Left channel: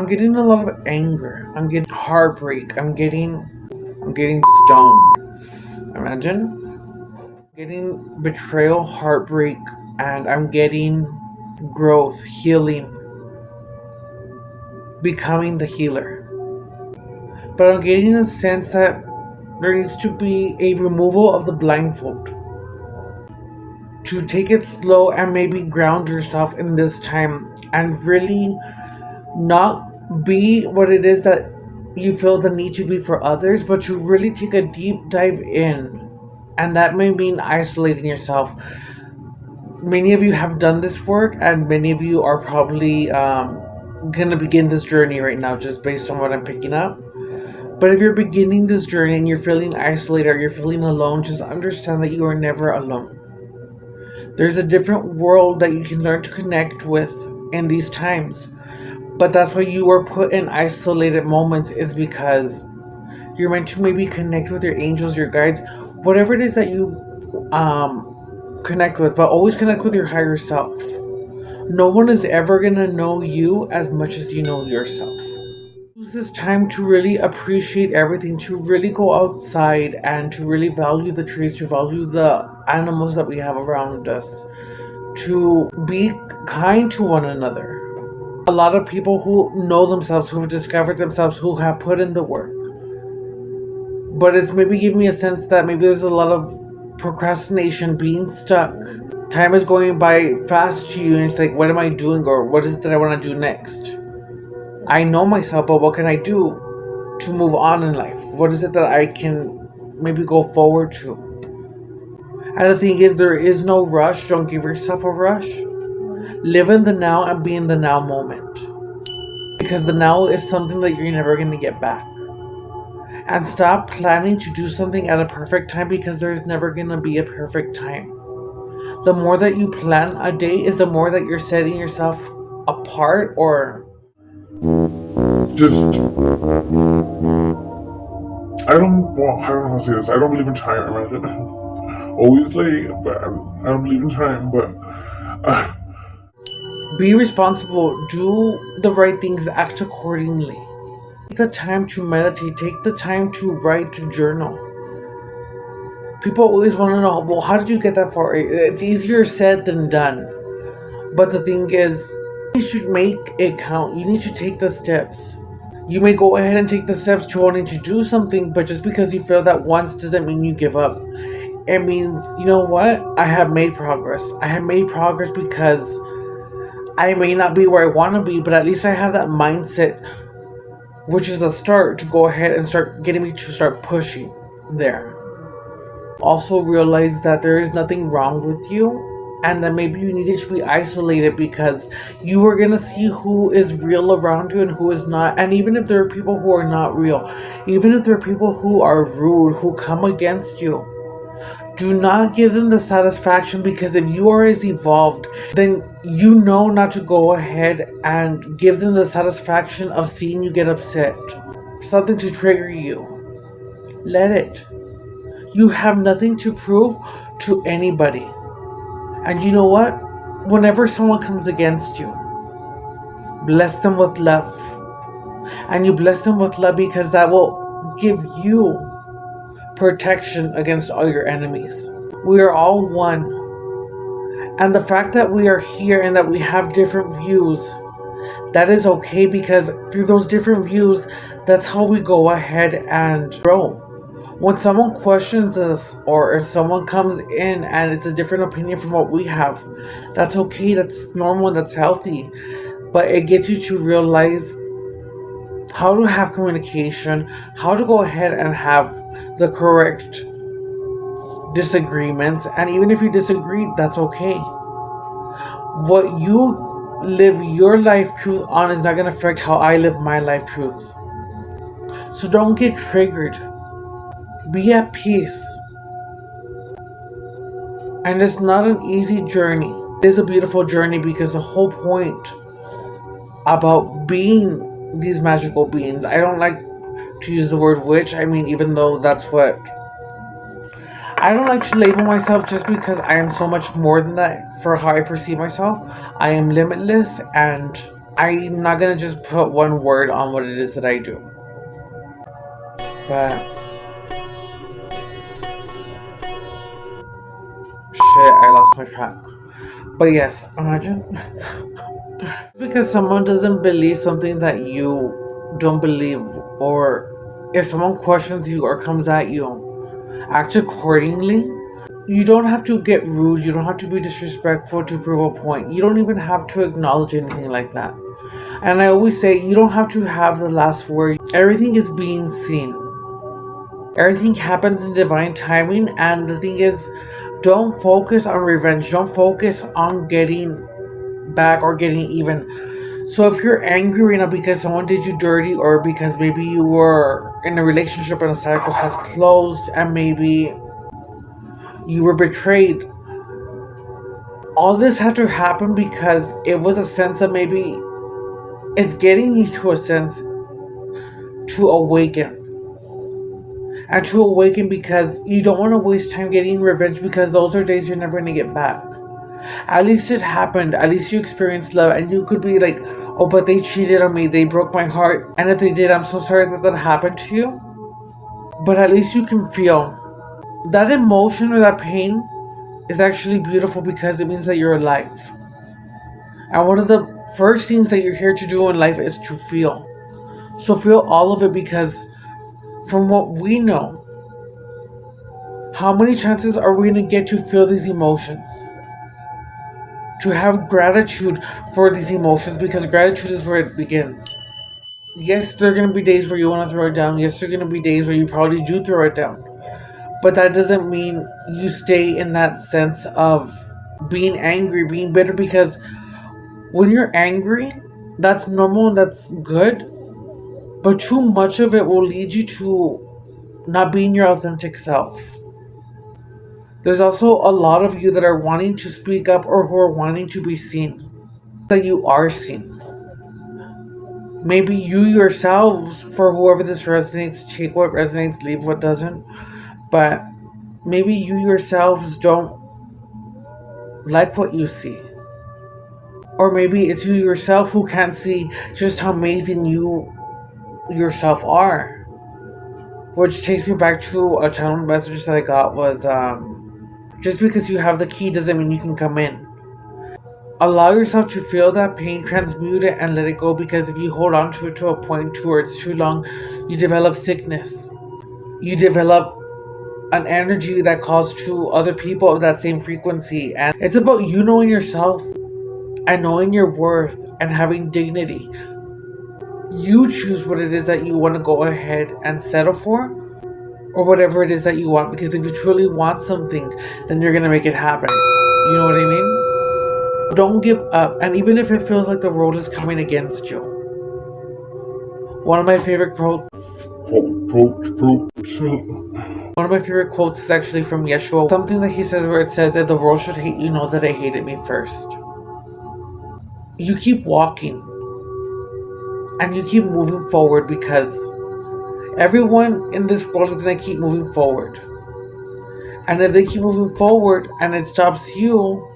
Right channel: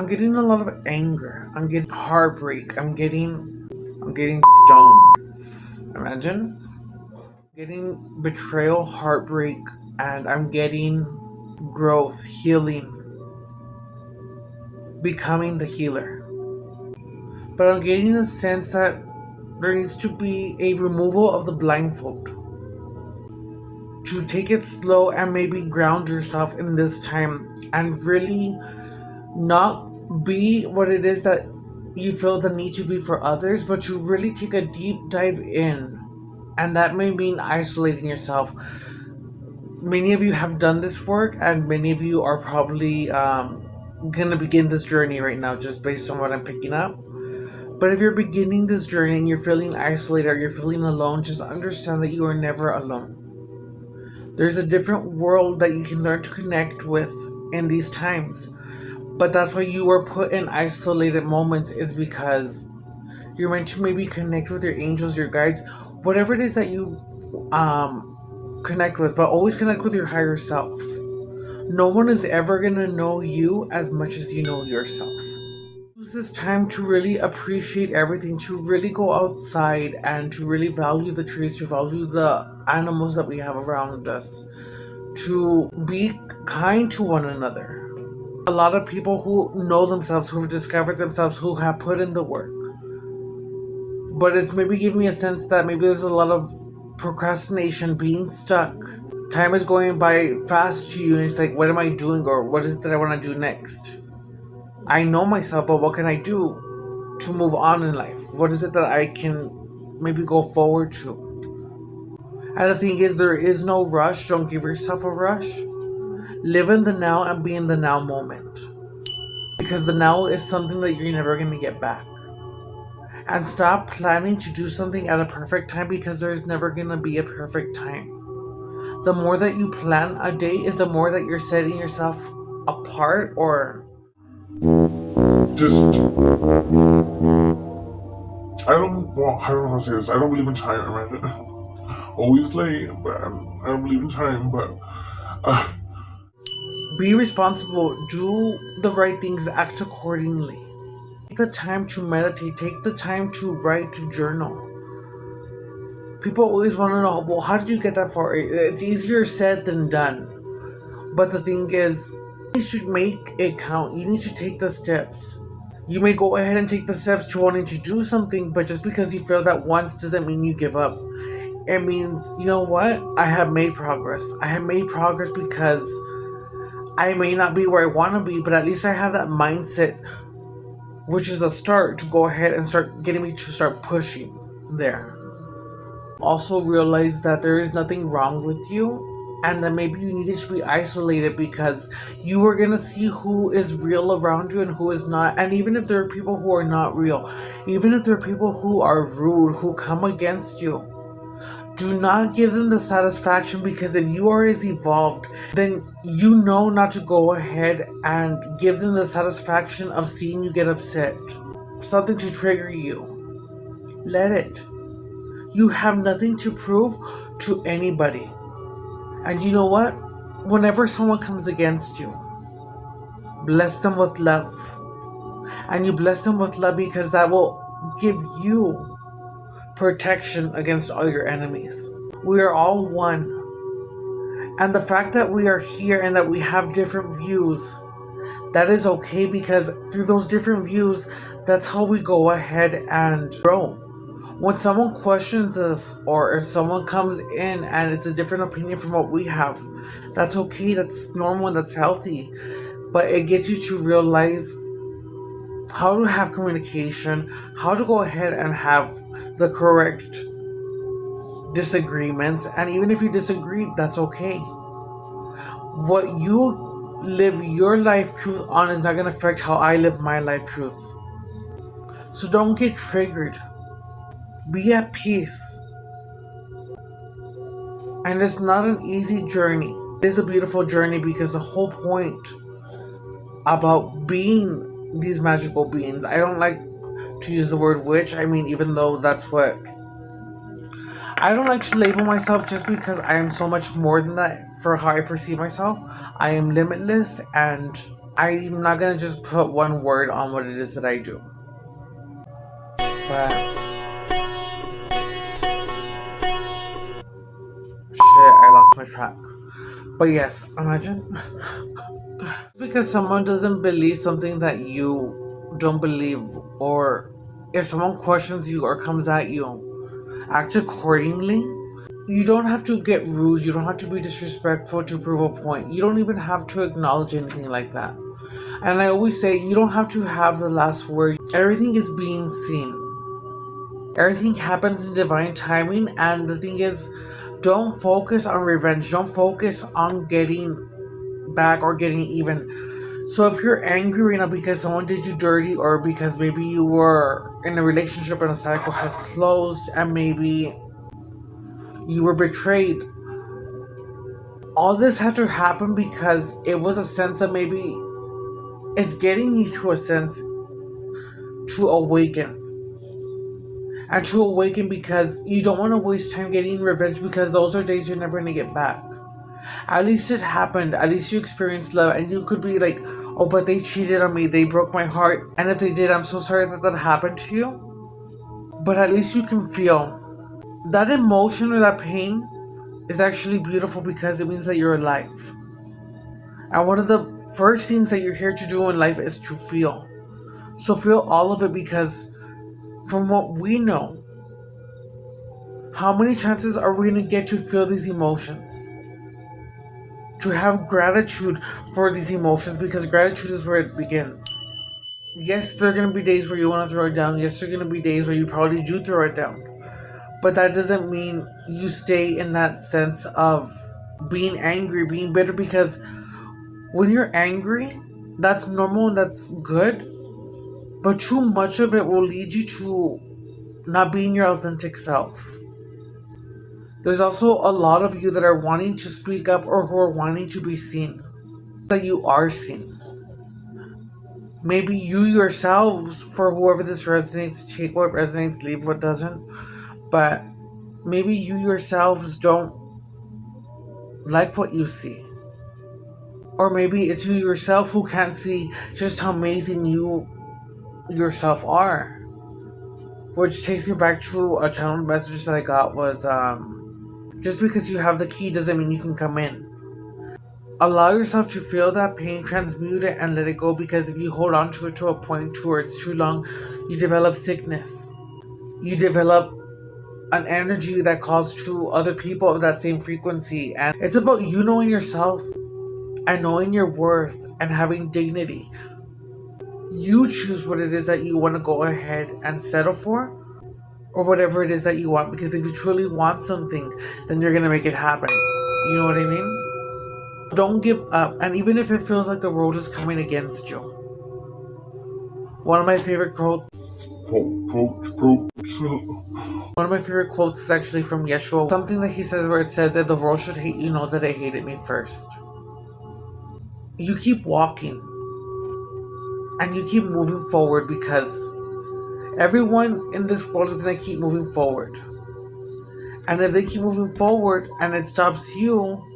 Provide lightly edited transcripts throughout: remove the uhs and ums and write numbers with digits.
I'm getting a lot of anger. I'm getting heartbreak. I'm getting stoned. Imagine getting betrayal, heartbreak, and I'm getting growth, healing, becoming the healer. But I'm getting a sense that there needs to be a removal of the blindfold. To take it slow and maybe ground yourself in this time and really not be what it is that you feel the need to be for others, but to really take a deep dive in. And that may mean isolating yourself. Many of you have done this work, and many of you are probably gonna begin this journey right now, just based on what I'm picking up. But if you're beginning this journey and you're feeling isolated or you're feeling alone, just understand that you are never alone. There's a different world that you can learn to connect with in these times. But that's why you were put in isolated moments, is because you're meant to maybe connect with your angels, your guides, whatever it is that you connect with, but always connect with your higher self. No one is ever gonna know you as much as you know yourself. Use this time to really appreciate everything, to really go outside and to really value the trees, to value the animals that we have around us, to be kind to one another. A lot of people who know themselves, who have discovered themselves, who have put in the work. But it's maybe giving me a sense that maybe there's a lot of procrastination, being stuck. Time is going by fast to you and it's like, what am I doing, or what is it that I want to do next? I know myself, but what can I do to move on in life? What is it that I can maybe go forward to? And the thing is, there is no rush. Don't give yourself a rush. Live in the now and be in the now moment. Because the now is something that you're never going to get back. And stop planning to do something at a perfect time, because there's never going to be a perfect time. The more that you plan a day is the more that you're setting yourself apart, or just I don't want to say this. I don't believe in time. Imagine always late, but I don't believe in time. But be responsible, do the right things, act accordingly. Take the time to meditate, take the time to write, to journal. People always want to know, well, how did you get that far? It's easier said than done. But the thing is, you should make it count. You need to take the steps. You may go ahead and take the steps to wanting to do something, but just because you fail that once doesn't mean you give up. It means, you know what? I have made progress. I have made progress because I may not be where I want to be, but at least I have that mindset, which is a start to go ahead and start getting me to start pushing there. Also realize that there is nothing wrong with you, and that maybe you needed to be isolated because you are going to see who is real around you and who is not. And even if there are people who are not real, even if there are people who are rude, who come against you, do not give them the satisfaction, because if you are as evolved, then you know not to go ahead and give them the satisfaction of seeing you get upset. Something to trigger you. Let it. You have nothing to prove to anybody. And you know what? Whenever someone comes against you, bless them with love. And you bless them with love because that will give you protection against all your enemies. We are all one. And the fact that we are here and that we have different views, that is okay, because through those different views, that's how we go ahead and grow. When someone questions us, or if someone comes in and it's a different opinion from what we have, that's okay, that's normal, and that's healthy. But it gets you to realize how to have communication, how to go ahead and have the correct disagreements, and even if you disagree, that's okay. What you live your life truth on is not going to affect how I live my life truth. So don't get triggered. Be at peace. And it's not an easy journey. It is a beautiful journey, because the whole point about being these magical beings, I don't like to use the word witch. I mean, even though that's what I don't like to label myself, just because I am so much more than that for how I perceive myself. I am limitless, and I'm not gonna just put one word on what it is that I do. But shit, I lost my track. But yes, imagine because someone doesn't believe something that you don't believe, or if someone questions you or comes at you, act accordingly. You don't have to get rude, you don't have to be disrespectful to prove a point. You don't even have to acknowledge anything like that. And I always say, you don't have to have the last word. Everything is being seen. Everything happens in divine timing, and the thing is, don't focus on revenge. Don't focus on getting back or getting even. So if you're angry right now because someone did you dirty, or because maybe you were in a relationship and the cycle has closed, and maybe you were betrayed, all this had to happen because it was a sense of maybe it's getting you to a sense to awaken. And to awaken because you don't want to waste time getting revenge, because those are days you're never going to get back. At least it happened. At least you experienced love, and you could be like, oh, but they cheated on me. They broke my heart. And if they did, I'm so sorry that that happened to you. But at least you can feel that emotion or that pain is actually beautiful, because it means that you're alive. And one of the first things that you're here to do in life is to feel. So feel all of it, because from what we know, how many chances are we going to get to feel these emotions? To have gratitude for these emotions, because gratitude is where it begins. Yes, there are going to be days where you want to throw it down. Yes, there are going to be days where you probably do throw it down. But that doesn't mean you stay in that sense of being angry, being bitter, because when you're angry, that's normal and that's good. But too much of it will lead you to not being your authentic self. There's also a lot of you that are wanting to speak up, or who are wanting to be seen. That you are seen. Maybe you yourselves, for whoever this resonates, take what resonates, leave what doesn't. But maybe you yourselves don't like what you see. Or maybe it's you yourself who can't see just how amazing you yourself are. Which takes me back to a channel message that I got was, just because you have the key doesn't mean you can come in. Allow yourself to feel that pain, transmute it, and let it go, because if you hold on to it to a point to where it's too long, you develop sickness. You develop an energy that calls to other people of that same frequency. And it's about you knowing yourself and knowing your worth and having dignity. You choose what it is that you want to go ahead and settle for, or whatever it is that you want, because if you truly want something, then you're going to make it happen. You know what I mean? Don't give up, and even if it feels like the world is coming against you. One of my favorite quotes. One of my favorite quotes is actually from Yeshua. Something that he says where it says, if the world should hate you, know that it hated me first. You keep walking. And you keep moving forward, because everyone in this world is going to keep moving forward. And if they keep moving forward and it stops you,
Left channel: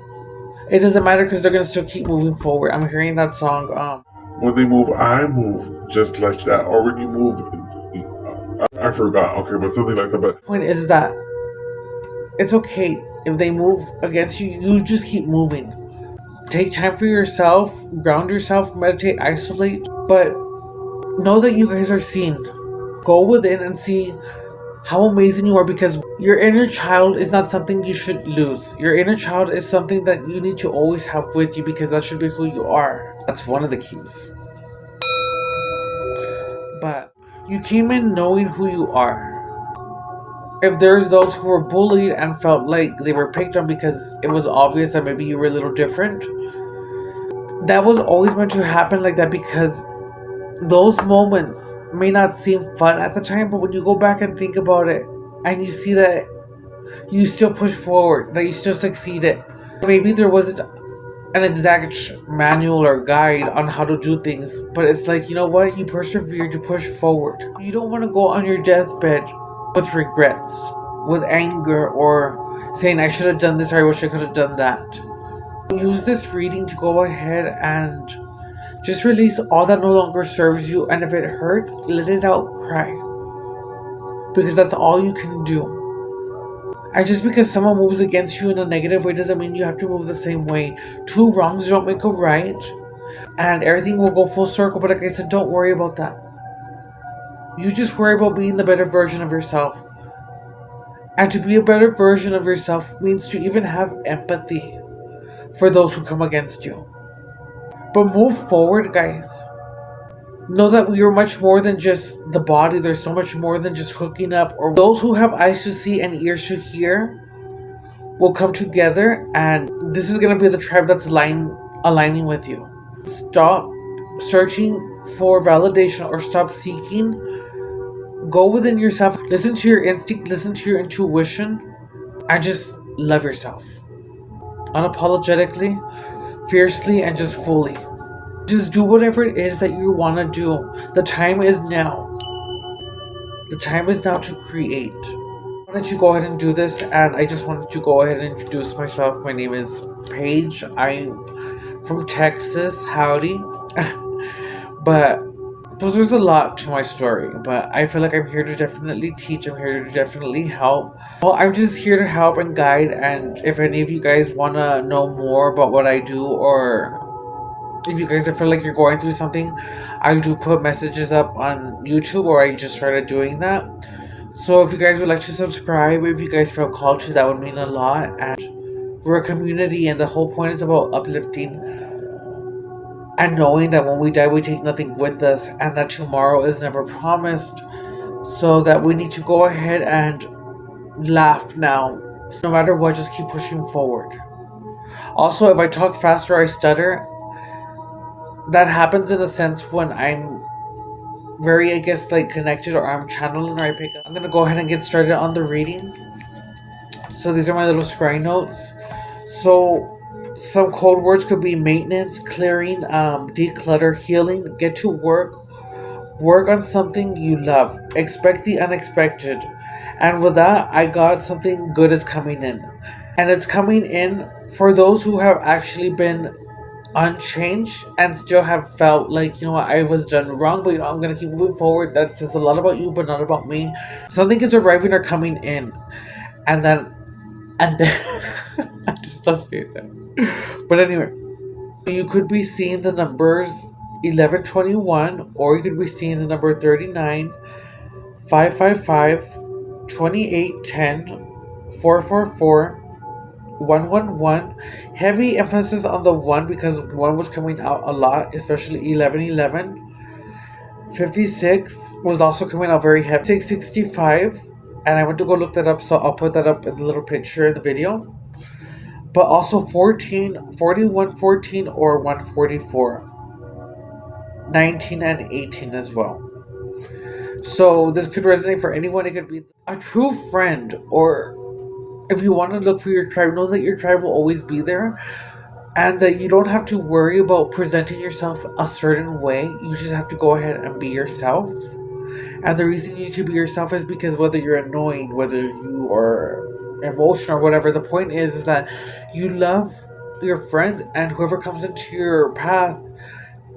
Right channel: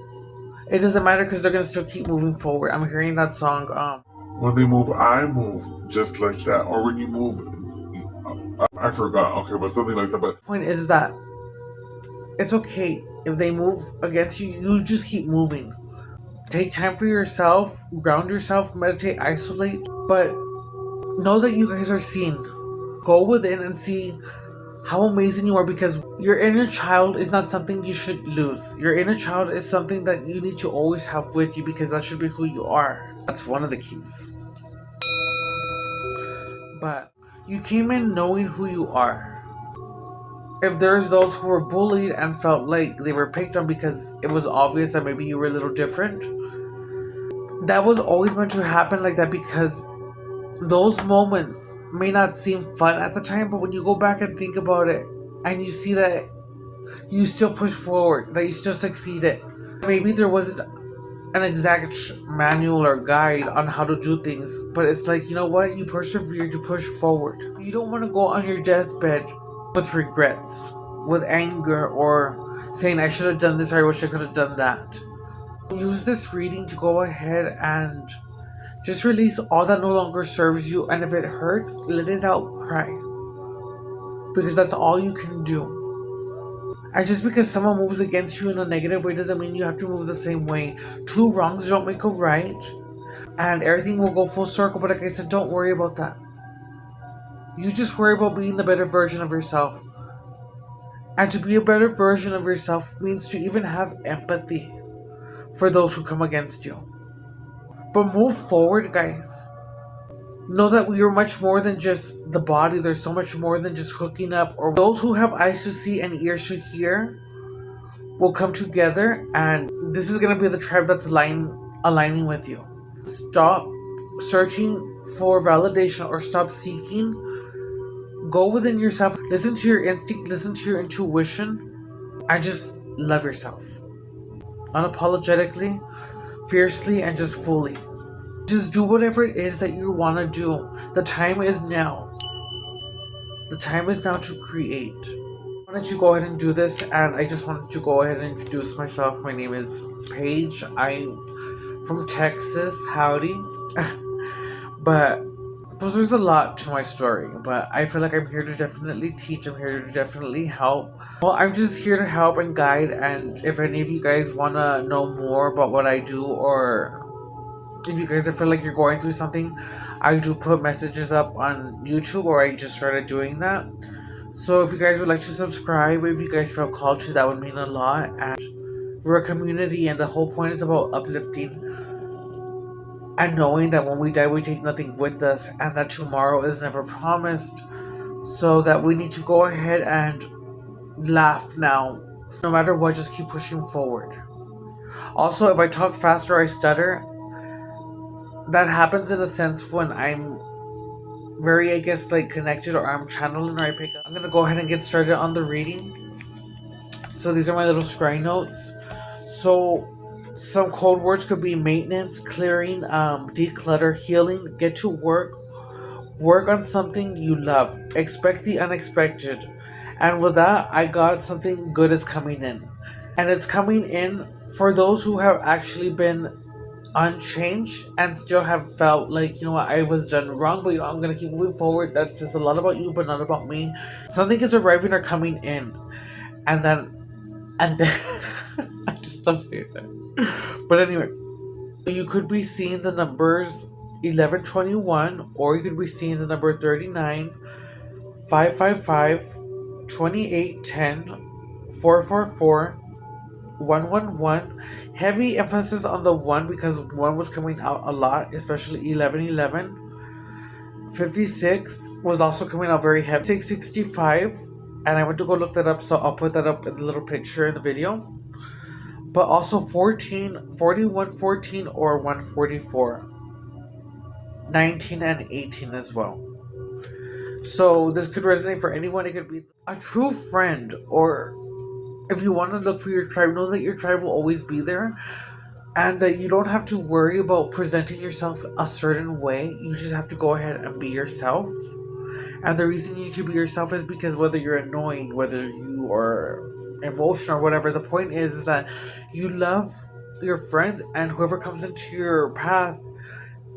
it doesn't matter, because they're going to still keep moving forward. I'm hearing that song. When they move, I move, just like that. Or when you move, I forgot. Okay, but something like that. But the point is that it's okay if they move against you. You just keep moving. Take time for yourself, ground yourself, meditate, isolate. But know that you guys are seen. Go within and see how amazing you are, because your inner child is not something you should lose. Your inner child is something that you need to always have with you, because that should be who you are. That's one of the keys. But you came in knowing who you are. If there's those who were bullied and felt like they were picked on because it was obvious that maybe you were a little different, that was always meant to happen like that, because those moments may not seem fun at the time, but when you go back and think about it and you see that you still push forward, that you still succeeded. Maybe there wasn't an exact manual or guide on how to do things, but it's like, you know what, you persevered, you push forward. You don't want to go on your deathbed with regrets, with anger, or saying I should have done this, or I wish I could have done that. Use this reading to go ahead and Just release all that no longer serves you, and if it hurts, let it out, cry. Because that's all you can do. And just because someone moves against you in a negative way doesn't mean you have to move the same way. Two wrongs don't make a right, and everything will go full circle. But like I said, don't worry about that. You just worry about being the better version of yourself. And to be a better version of yourself means to even have empathy for those who come against you. But move forward, guys. Know that we are much more than just the body. There's so much more than just hooking up. Or those who have eyes to see and ears to hear will come together, and this is going to be the tribe that's aligning with you. Stop searching for validation or stop seeking. Go within yourself. Listen to your instinct. Listen to your intuition. And just love yourself. Unapologetically, fiercely, and just fully. Just do whatever it is that you want to do. The time is now. The time is now to create. Why don't you go ahead and do this? And I just wanted to go ahead and introduce myself. My name is Paige. I'm from Texas. Howdy. But there's a lot to my story. But I feel like I'm here to definitely teach. I'm here to definitely help. Well, I'm just here to help and guide. And if any of you guys want to know more about what I do, or if you guys feel like you're going through something, I do put messages up on YouTube, or I just started doing that. So if you guys would like to subscribe, if you guys feel called to, that would mean a lot. And we're a community, and the whole point is about uplifting and knowing that when we die, we take nothing with us, and that tomorrow is never promised. So that we need to go ahead and laugh now. So no matter what, just keep pushing forward. Also, if I talk fast or I stutter, that happens in a sense when I'm very, I guess, like connected, or I'm channeling, or I pick up. I'm gonna go ahead and get started on the reading. So these are my little scry notes. So some code words could be maintenance, clearing, declutter, healing, get to work, work on something you love, expect the unexpected. And with that, I got something good is coming in. And it's coming in for those who have actually been unchanged and still have felt like, you know what, I was done wrong, but you know, I'm gonna keep moving forward. That says a lot about you, but not about me. Something is arriving or coming in, and then I just stopped saying that. But anyway, you could be seeing the numbers 1121, or you could be seeing the number 39, 555, 2810, 444, 111. Heavy emphasis on the 1 because 1 was coming out a lot, especially 1111. 56 was also coming out very heavy. 665, and I went to go look that up, so I'll put that up in the little picture in the video. But also 14, 41, 14, or 144. 19 and 18 as well. So this could resonate for anyone. It could be a true friend, or if you want to look for your tribe, know that your tribe will always be there, and that you don't have to worry about presenting yourself a certain way. You just have to go ahead and be yourself. And the reason you need to be yourself is because whether you're annoying, whether you are emotional or whatever, the point is that you love your friends and whoever comes into your path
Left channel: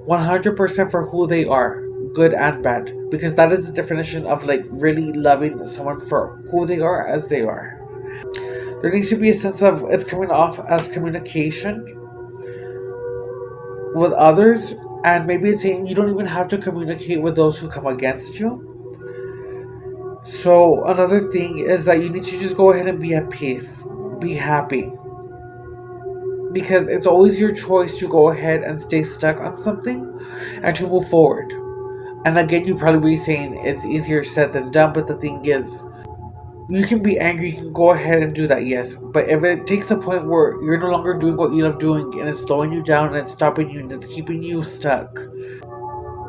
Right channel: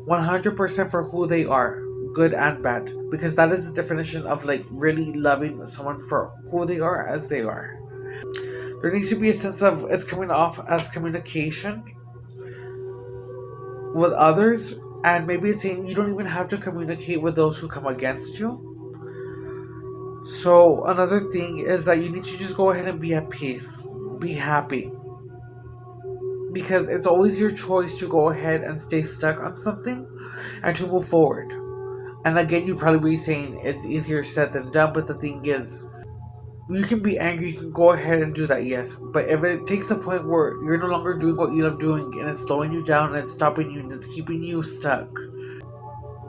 100% for who they are, good and bad. Because that is the definition of like really loving someone for who they are as they are. There needs to be a sense of it's coming off as communication with others, and maybe it's saying you don't even have to communicate with those who come against you. So another thing is that you need to just go ahead and be at peace, be happy, because it's always your choice to go ahead and stay stuck on something and to move forward. And again, you probably be saying it's easier said than done, but the thing is, you can be angry, you can go ahead and do that, yes. But if it takes a point where you're no longer doing what you love doing, and it's slowing you down, and it's stopping you, and it's keeping you stuck,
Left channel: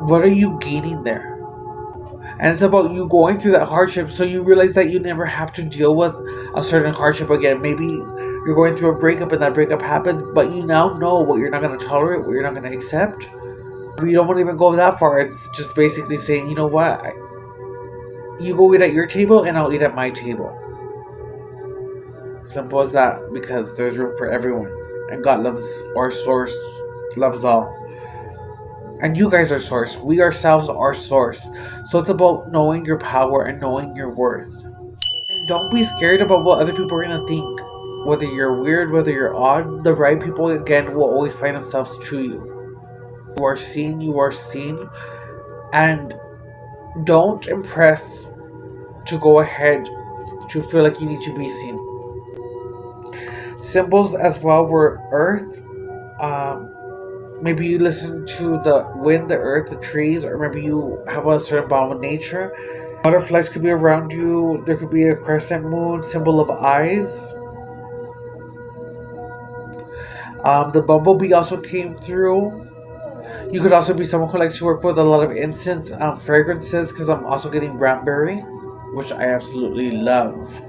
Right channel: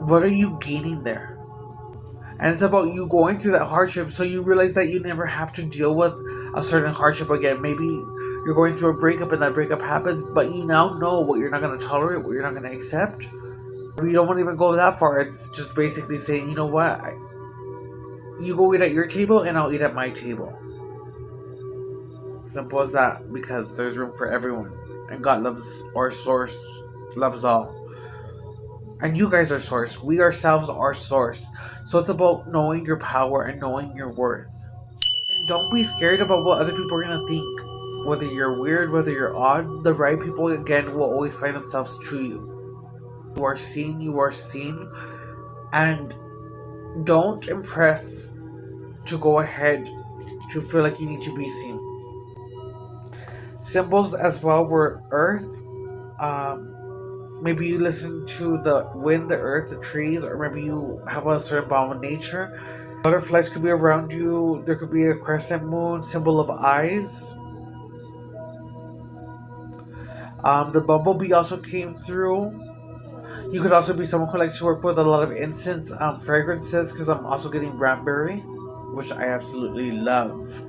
what are you gaining there? And it's about you going through that hardship, so you realize that you never have to deal with a certain hardship again. Maybe you're going through a breakup and that breakup happens, but you now know what you're not going to tolerate, what you're not going to accept. You don't want to even go that far. It's just basically saying, you know what, you go eat at your table and I'll eat at my table. Simple as that, because there's room for everyone. And God loves, our source loves all. And you guys are source. We ourselves are source. So it's about knowing your power and knowing your worth. And don't be scared about what other people are gonna think. Whether you're weird, whether you're odd, the right people again will always find themselves to you. You are seen, you are seen. And don't impress to go ahead to feel like you need to be seen. Symbols as well were earth. Maybe you listen to the wind, the earth, the trees, or maybe you have a certain bond with nature. Butterflies could be around you. There could be a crescent moon, symbol of eyes. The bumblebee also came through. You could also be someone who likes to work with a lot of incense, fragrances, because I'm also getting cranberry, which I absolutely love.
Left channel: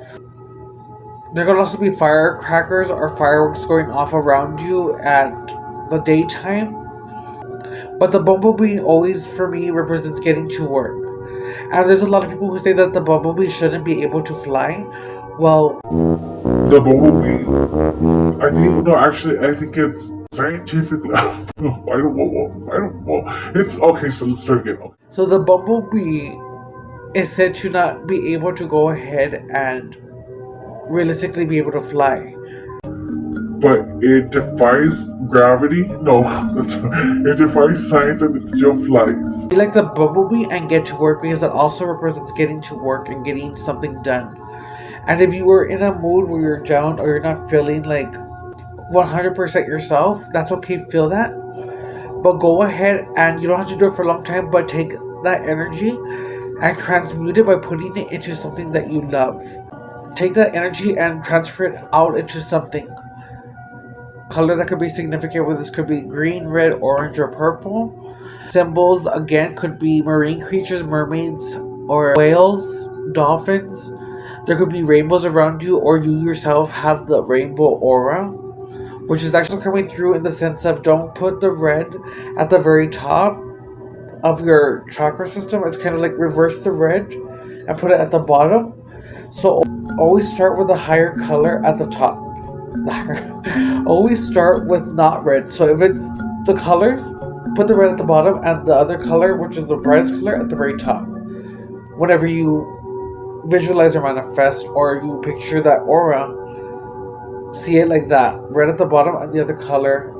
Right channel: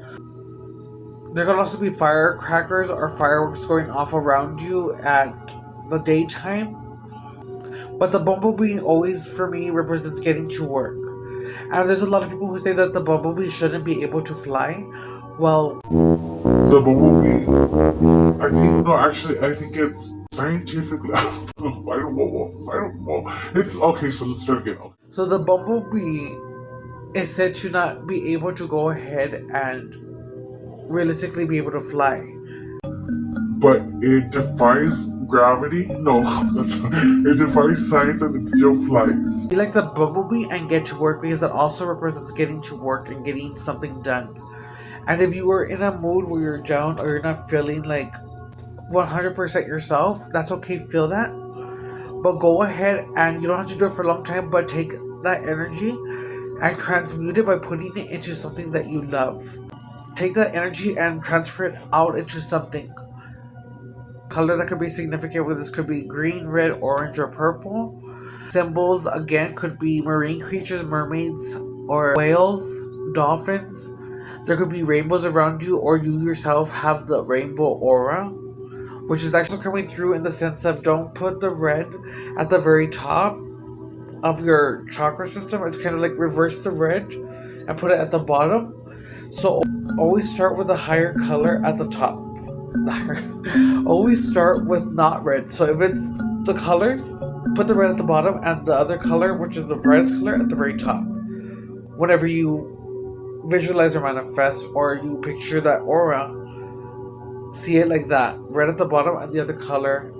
There could also be firecrackers or fireworks going off around you at the daytime. But the bumblebee always, for me, represents getting to work. And there's a lot of people who say that the bumblebee shouldn't be able to fly. Well, the bumblebee, I think, no, actually, I think it's scientifically. I don't know. It's okay, so let's start again. Okay. So the bumblebee is said to not be able to go ahead and realistically be able to fly. But it defies gravity? No. It defies science and it still flies. Be like the bumblebee and get to work, because it also represents getting to work and getting something done. And if you were in a mood where you're down or you're not feeling like 100% yourself, that's okay, feel that. But go ahead, and you don't have to do it for a long time, but take that energy and transmute it by putting it into something that you love. Take that energy and transfer it out into something. Color that could be significant with this could be green, red, orange, or purple. Symbols again could be marine creatures, mermaids, or whales, dolphins. There could be rainbows around you, or you yourself have the rainbow aura, which is actually coming through in the sense of don't put the red at the very top of your chakra system. It's kind of like reverse the red and put it at the bottom. So always start with a higher color at the top. Always start with not red. So if it's the colors, put the red at the bottom and the other color, which is the brightest color, at the very top. Whenever you visualize or manifest, or you picture that aura, see it like that. Red at the bottom and the other color,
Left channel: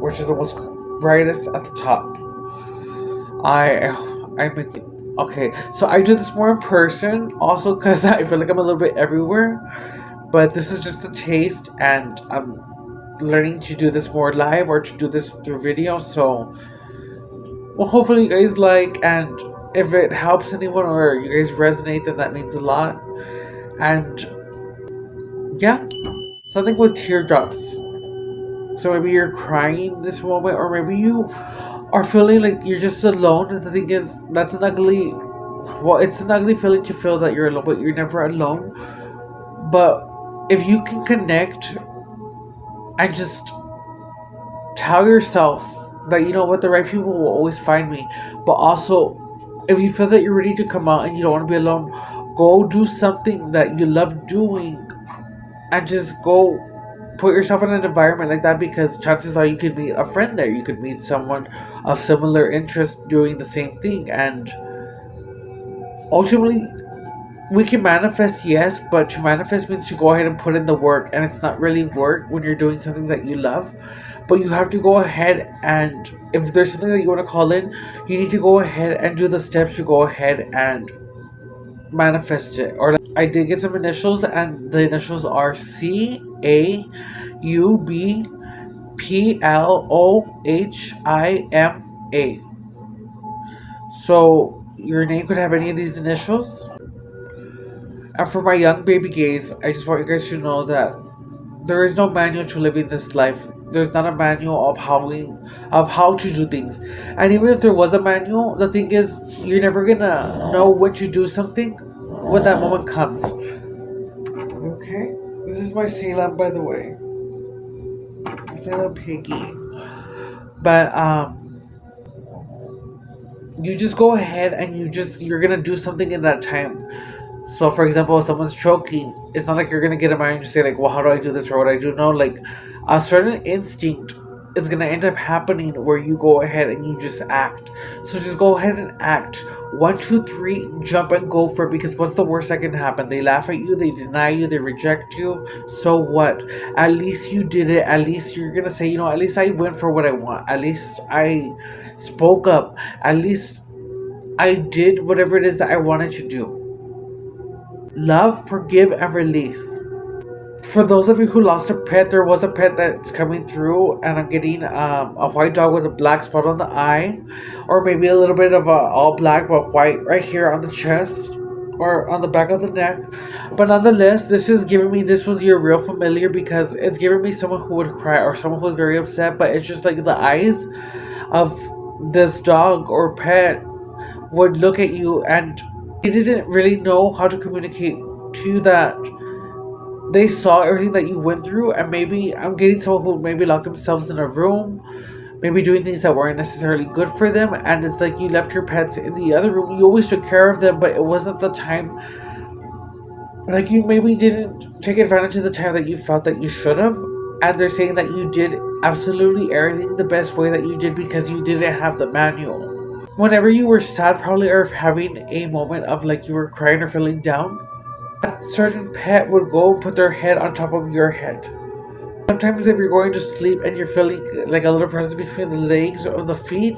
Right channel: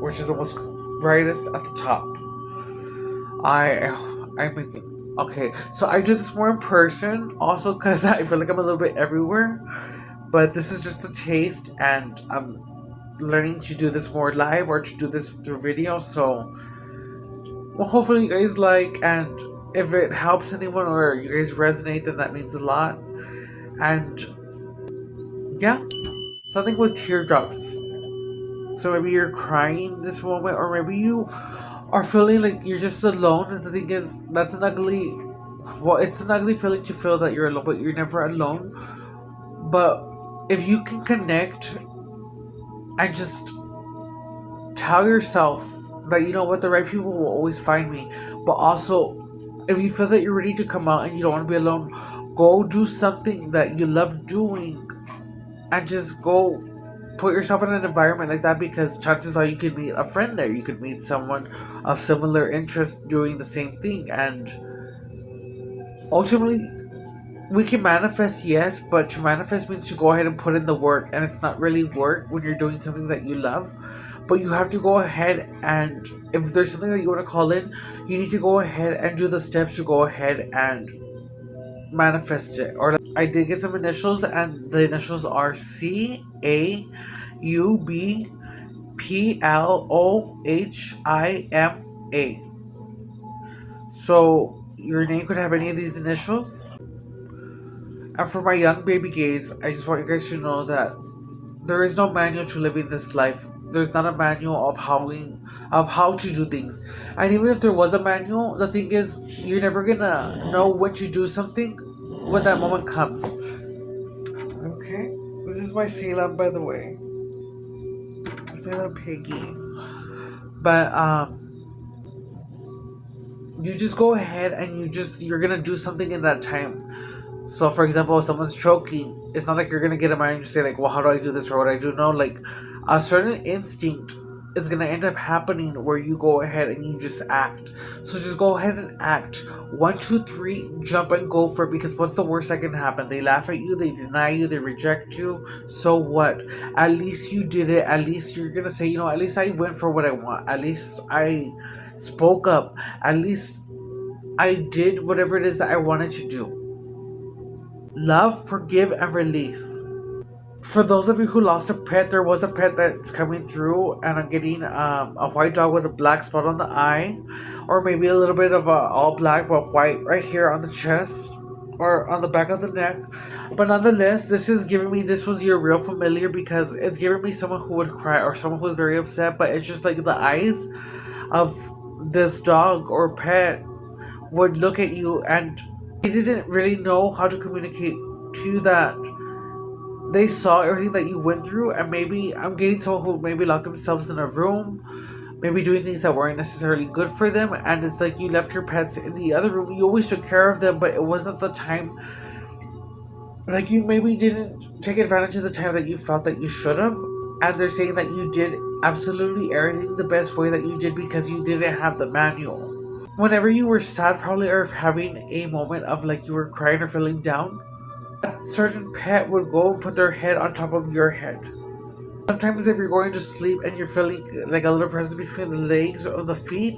which is the most brightest, at the top. Okay, so I do this more in person also because I feel like I'm a little bit everywhere. But this is just a taste, and I'm learning to do this more live or to do this through video. So, well, hopefully you guys like, and if it helps anyone or you guys resonate, then that means a lot. And yeah, something with teardrops. So maybe you're crying this moment, or maybe you are feeling like you're just alone. And the thing is, that's an ugly, well, it's an ugly feeling to feel that you're alone, but you're never alone. But if you can connect and just tell yourself that, you know what, the right people will always find me. But also, if you feel that you're ready to come out and you don't want to be alone, go do something that you love doing and just go put yourself in an environment like that, because chances are you could meet a friend there. You could meet someone of similar interest doing the same thing. And ultimately, we can manifest, yes, but to manifest means to go ahead and put in the work, and it's not really work when you're doing something that you love. But you have to go ahead, and if there's something that you want to call in, you need to go ahead and do the steps to go ahead and manifest it. Or I did get some initials, and the initials are CAUBPLOHIMA. So your name could have any of these initials. And for my young baby gays, I just want you guys to know that there is no manual to living this life. There's not a manual of how to do things. And even if there was a manual, the thing is, you're never gonna know when to do something when that moment comes. Okay, this is my Salem, by the way. It's my little piggy. But you just go ahead and you're gonna do something in that time. So, for example, if someone's choking, it's not like you're gonna get a mind and say like, well, how do I do this or what I do? No, like a certain instinct is going to end up happening where you go ahead and you just act. So just go ahead and act. 1, 2, 3, jump and go for it, because what's the worst that can happen? They laugh at you, they deny you, they reject you. So what? At least you did it. At least you're going to say, at least I went for what I want. At least I spoke up. At least I did whatever it is that I wanted to do. Love, forgive, and release. For those of you who lost a pet, there was a pet that's coming through, and I'm getting a white dog with a black spot on the eye, or maybe a little bit of a all black but white right here on the chest or on the back of the neck. But nonetheless, this was your real familiar, because it's giving me someone who would cry or someone who was very upset, but it's just like the eyes of this dog or pet would look at you, and they didn't really know how to communicate to you that they saw everything that you went through. And maybe I'm getting someone who maybe locked themselves in a room, maybe doing things that weren't necessarily good for them, and it's like you left your pets in the other room. You always took care of them, but it wasn't the time. Like, you maybe didn't take advantage of the time that you felt that you should have. And they're saying that you did absolutely everything the best way that you did, because you didn't have the manual. Whenever you were sad, probably, or having a moment of like you were crying or feeling down, that certain pet would go and put their head on top of your head. Sometimes if you're going to sleep and you're feeling like a little presence between the legs or the feet,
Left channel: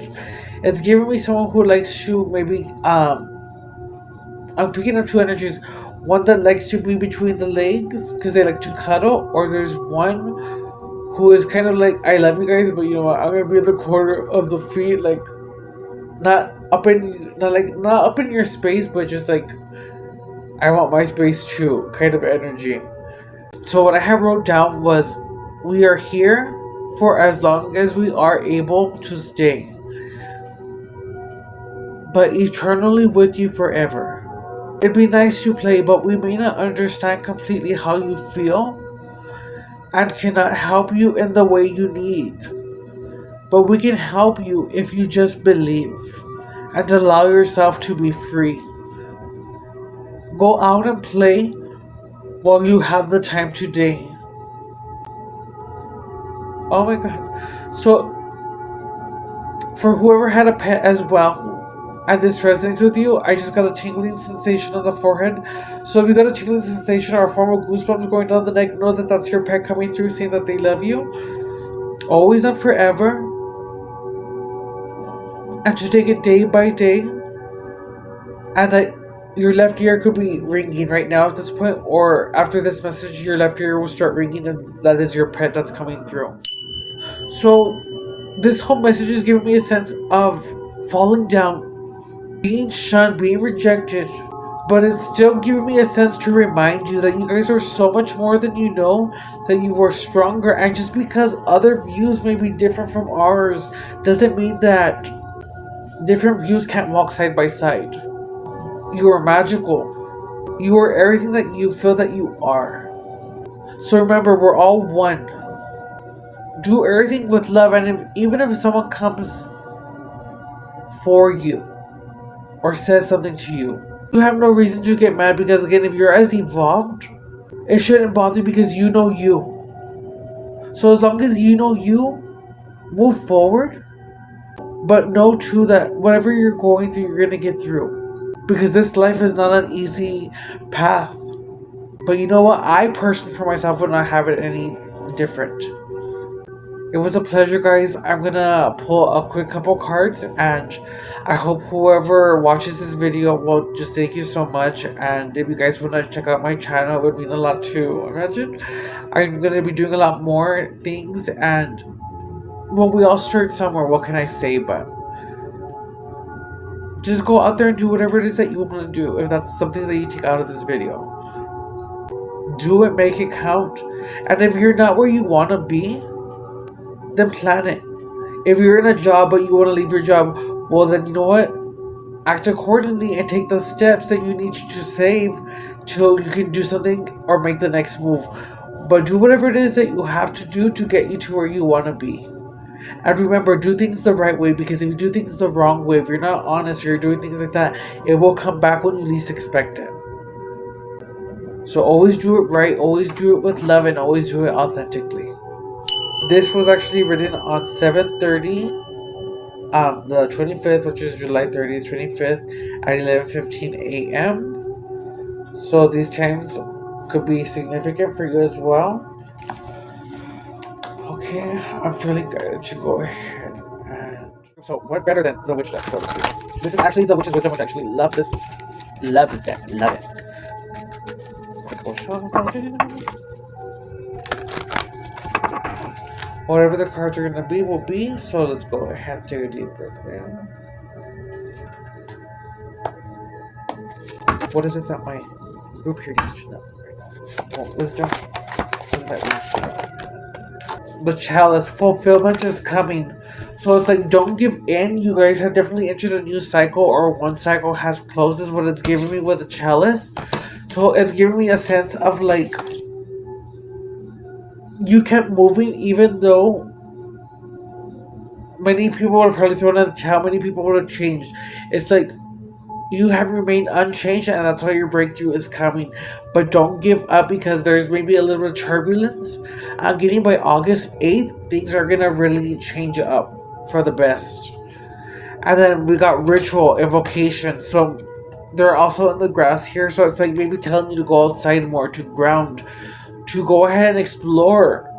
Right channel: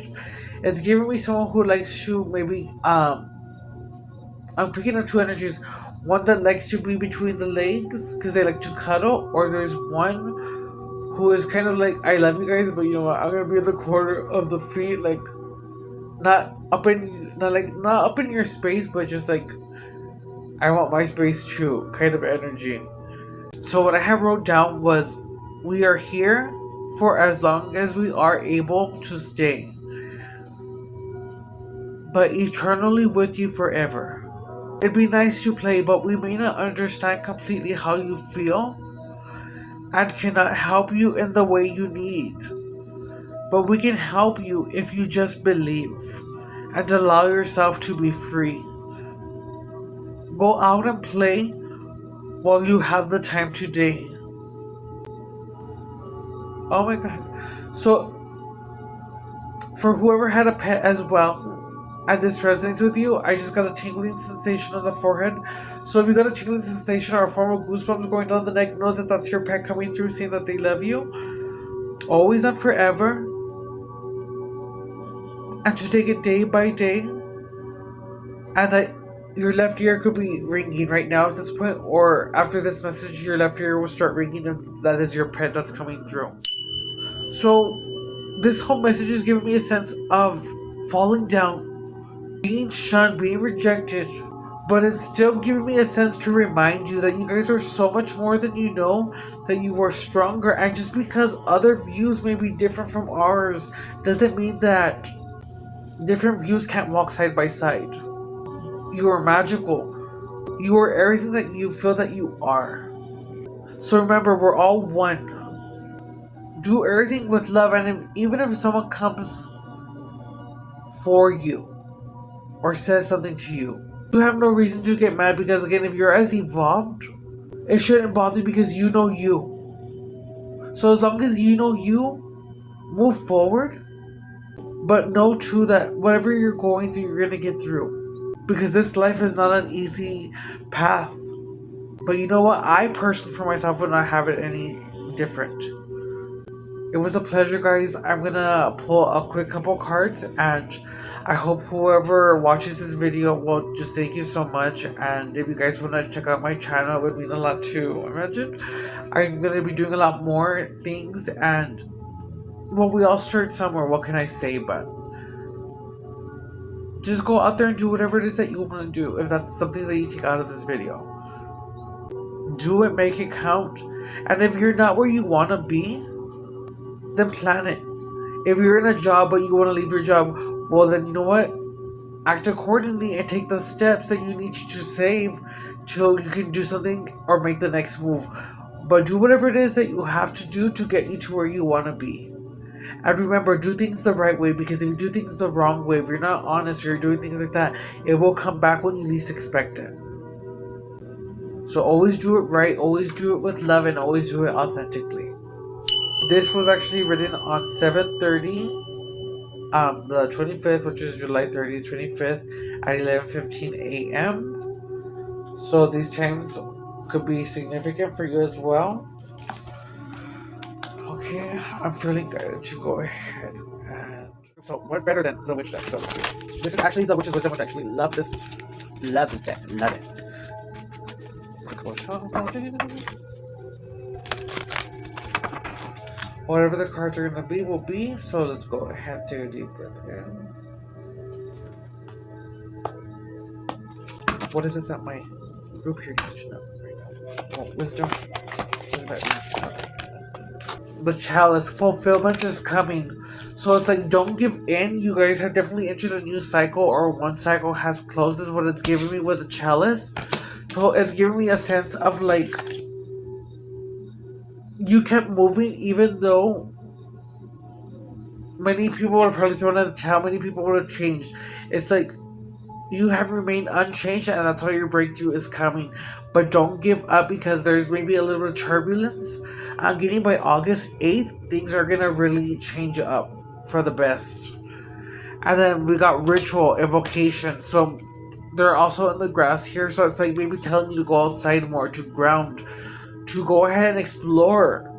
it's giving me someone who likes to maybe I'm picking up two energies. One that likes to be between the legs because they like to cuddle, or there's one who is kind of like, I love you guys, but you know what, I'm gonna be in the corner of the feet, like not up in your space, but just like I want my space too, kind of energy. So what I have wrote down was, we are here for as long as we are able to stay, but eternally with you forever. It'd be nice to play, but we may not understand completely how you feel and cannot help you in the way you need. But we can help you if you just believe and allow yourself to be free. Go out and play while you have the time today. Oh my god. So, for whoever had a pet as well, and this resonates with you, I just got a tingling sensation on the forehead. So if you got a tingling sensation or a form of goosebumps going down the neck, know that that's your pet coming through saying that they love you, always and forever, and to take it day by day, and that your left ear could be ringing right now at this point, or after this message your left ear will start ringing, and that is your pet that's coming through. So this whole message is giving me a sense of falling down, being shunned, being rejected, but it's still giving me a sense to remind you that you guys are so much more than you know, that you are stronger, and just because other views may be different from ours doesn't mean that different views can't walk side by side. You are magical. You are everything that you feel that you are. So remember, we're all one. Do everything with love, and even if someone comes for you or says something to you, you have no reason to get mad, because again, if you're as evolved, it shouldn't bother you because you know you. So as long as you know you, move forward, but know too that whatever you're going through, you're gonna get through, because this life is not an easy path. But you know what, I personally for myself would not have it any different. It was a pleasure, guys. I'm gonna pull a quick couple cards, and I hope whoever watches this video will just thank you so much. And if you guys want to check out my channel, it would mean a lot too. Imagine I'm gonna be doing a lot more things, and well, we all start somewhere. What can I say? But just go out there and do whatever it is that you want to do. If that's something that you take out of this video, do it, make it count. And if you're not where you want to be, then plan it. If you're in a job but you want to leave your job, well then you know what? Act accordingly and take the steps that you need to save till you can do something or make the next move. But do whatever it is that you have to do to get you to where you want to be. And remember, do things the right way, because if you do things the wrong way, if you're not honest or you're doing things like that, it will come back when you least expect it. So always do it right, always do it with love, and always do it authentically. This was actually written on 7:30, the 25th, which is July 30th, 25th, at 11:15 a.m. So these times could be significant for you as well. Okay, I'm feeling good to go ahead and... So, what better than the witch deck? So, this is actually the witch's wisdom, which I actually love this. Love this deck. Love it. Quick shuffle. Whatever the cards are going to be, will be. So, let's go ahead and take a deep breath in. What is it that my group here needs to know right now? Well, wisdom. What does that mean? The chalice fulfillment is coming. So it's like, don't give in. You guys have definitely entered a new cycle, or one cycle has closed, is what it's giving me with the chalice. So it's giving me a sense of like, you kept moving even though many people are probably thrown in the towel, many people would have changed. It's like, you have remained unchanged, and that's why your breakthrough is coming. But don't give up, because there's maybe a little bit of turbulence. I'm getting by August 8th, things are gonna really change up for the best. And then we got ritual, invocation. So they're also in the grass here. So it's like maybe telling you to go outside more, to ground, to go ahead and explore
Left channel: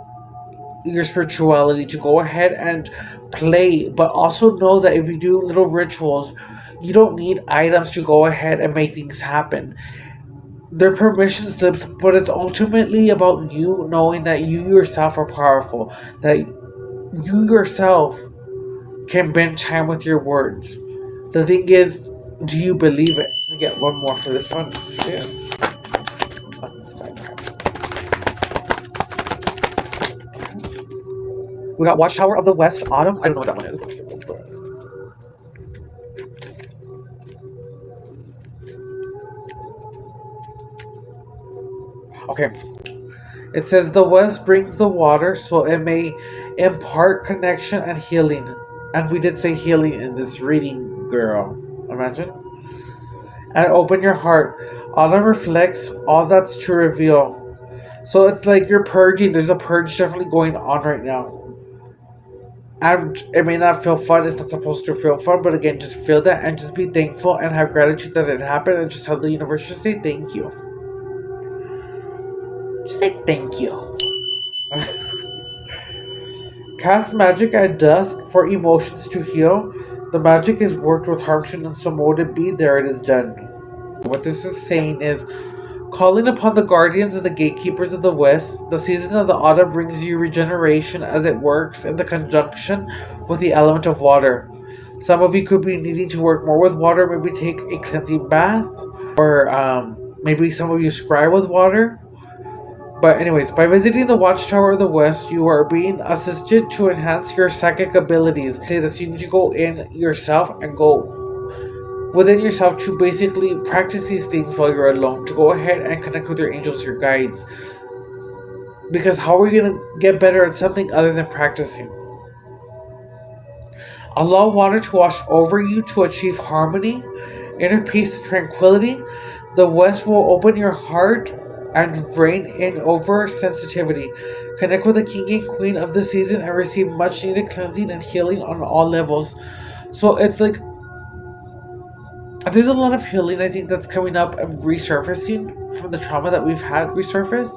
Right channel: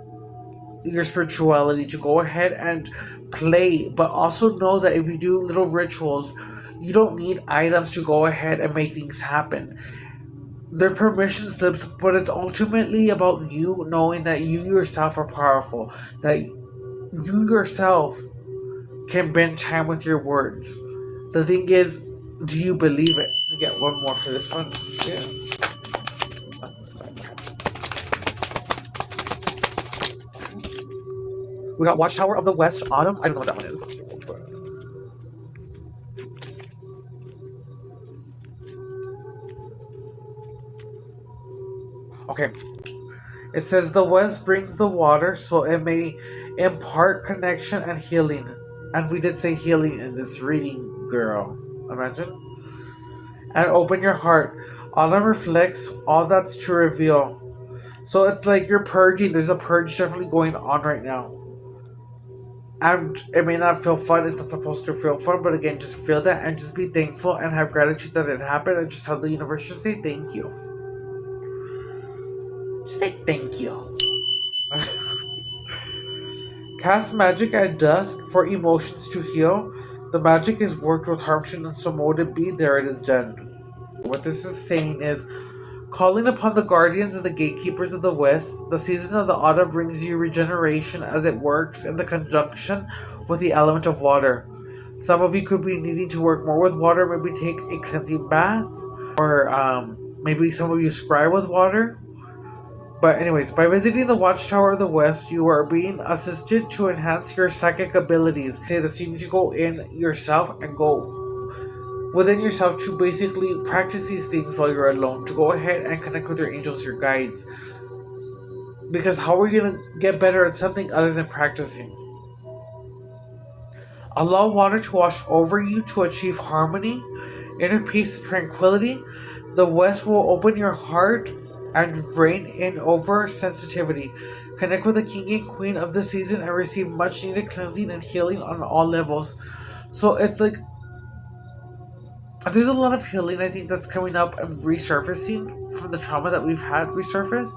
your spirituality, to go ahead and play. But also know that if you do little rituals, you don't need items to go ahead and make things happen. They're permission slips, but it's ultimately about you knowing that you yourself are powerful, that you yourself can bend time with your words. The thing is, do you believe it? Let me get one more for this one. Yeah. We got Watchtower of the West Autumn. I don't know what that one is. Okay. It says the West brings the water, so it may impart connection and healing. And we did say healing in this reading, girl. Imagine. And open your heart. Autumn reflects all that's to reveal. So it's like you're purging. There's a purge definitely going on right now. And it may not feel fun. It's not supposed to feel fun. But again, just feel that and just be thankful and have gratitude that it happened. And just tell the universe, just say thank you. Just say thank you. Cast magic at dusk for emotions to heal. The magic is worked with harmony, and so mote it be, there it is done. What this is saying is, calling upon the guardians and the gatekeepers of the West, the season of the autumn brings you regeneration as it works in the conjunction with the element of water. Some of you could be needing to work more with water, maybe take a cleansing bath, or maybe some of you scry with water. But anyways, by visiting the Watchtower of the West, you are being assisted to enhance your psychic abilities. Say that you need to go in yourself and go within yourself to basically practice these things while you're alone, to go ahead and connect with your angels, your guides. Because how are you going to get better at something other than practicing? Allow water to wash over you to achieve harmony, inner peace, and tranquility. The West will open your heart and brain in over sensitivity. Connect with the king and queen of the season and receive much needed cleansing and healing on all levels. So it's like, there's a lot of healing, I think, that's coming up and resurfacing from the trauma that we've had resurface.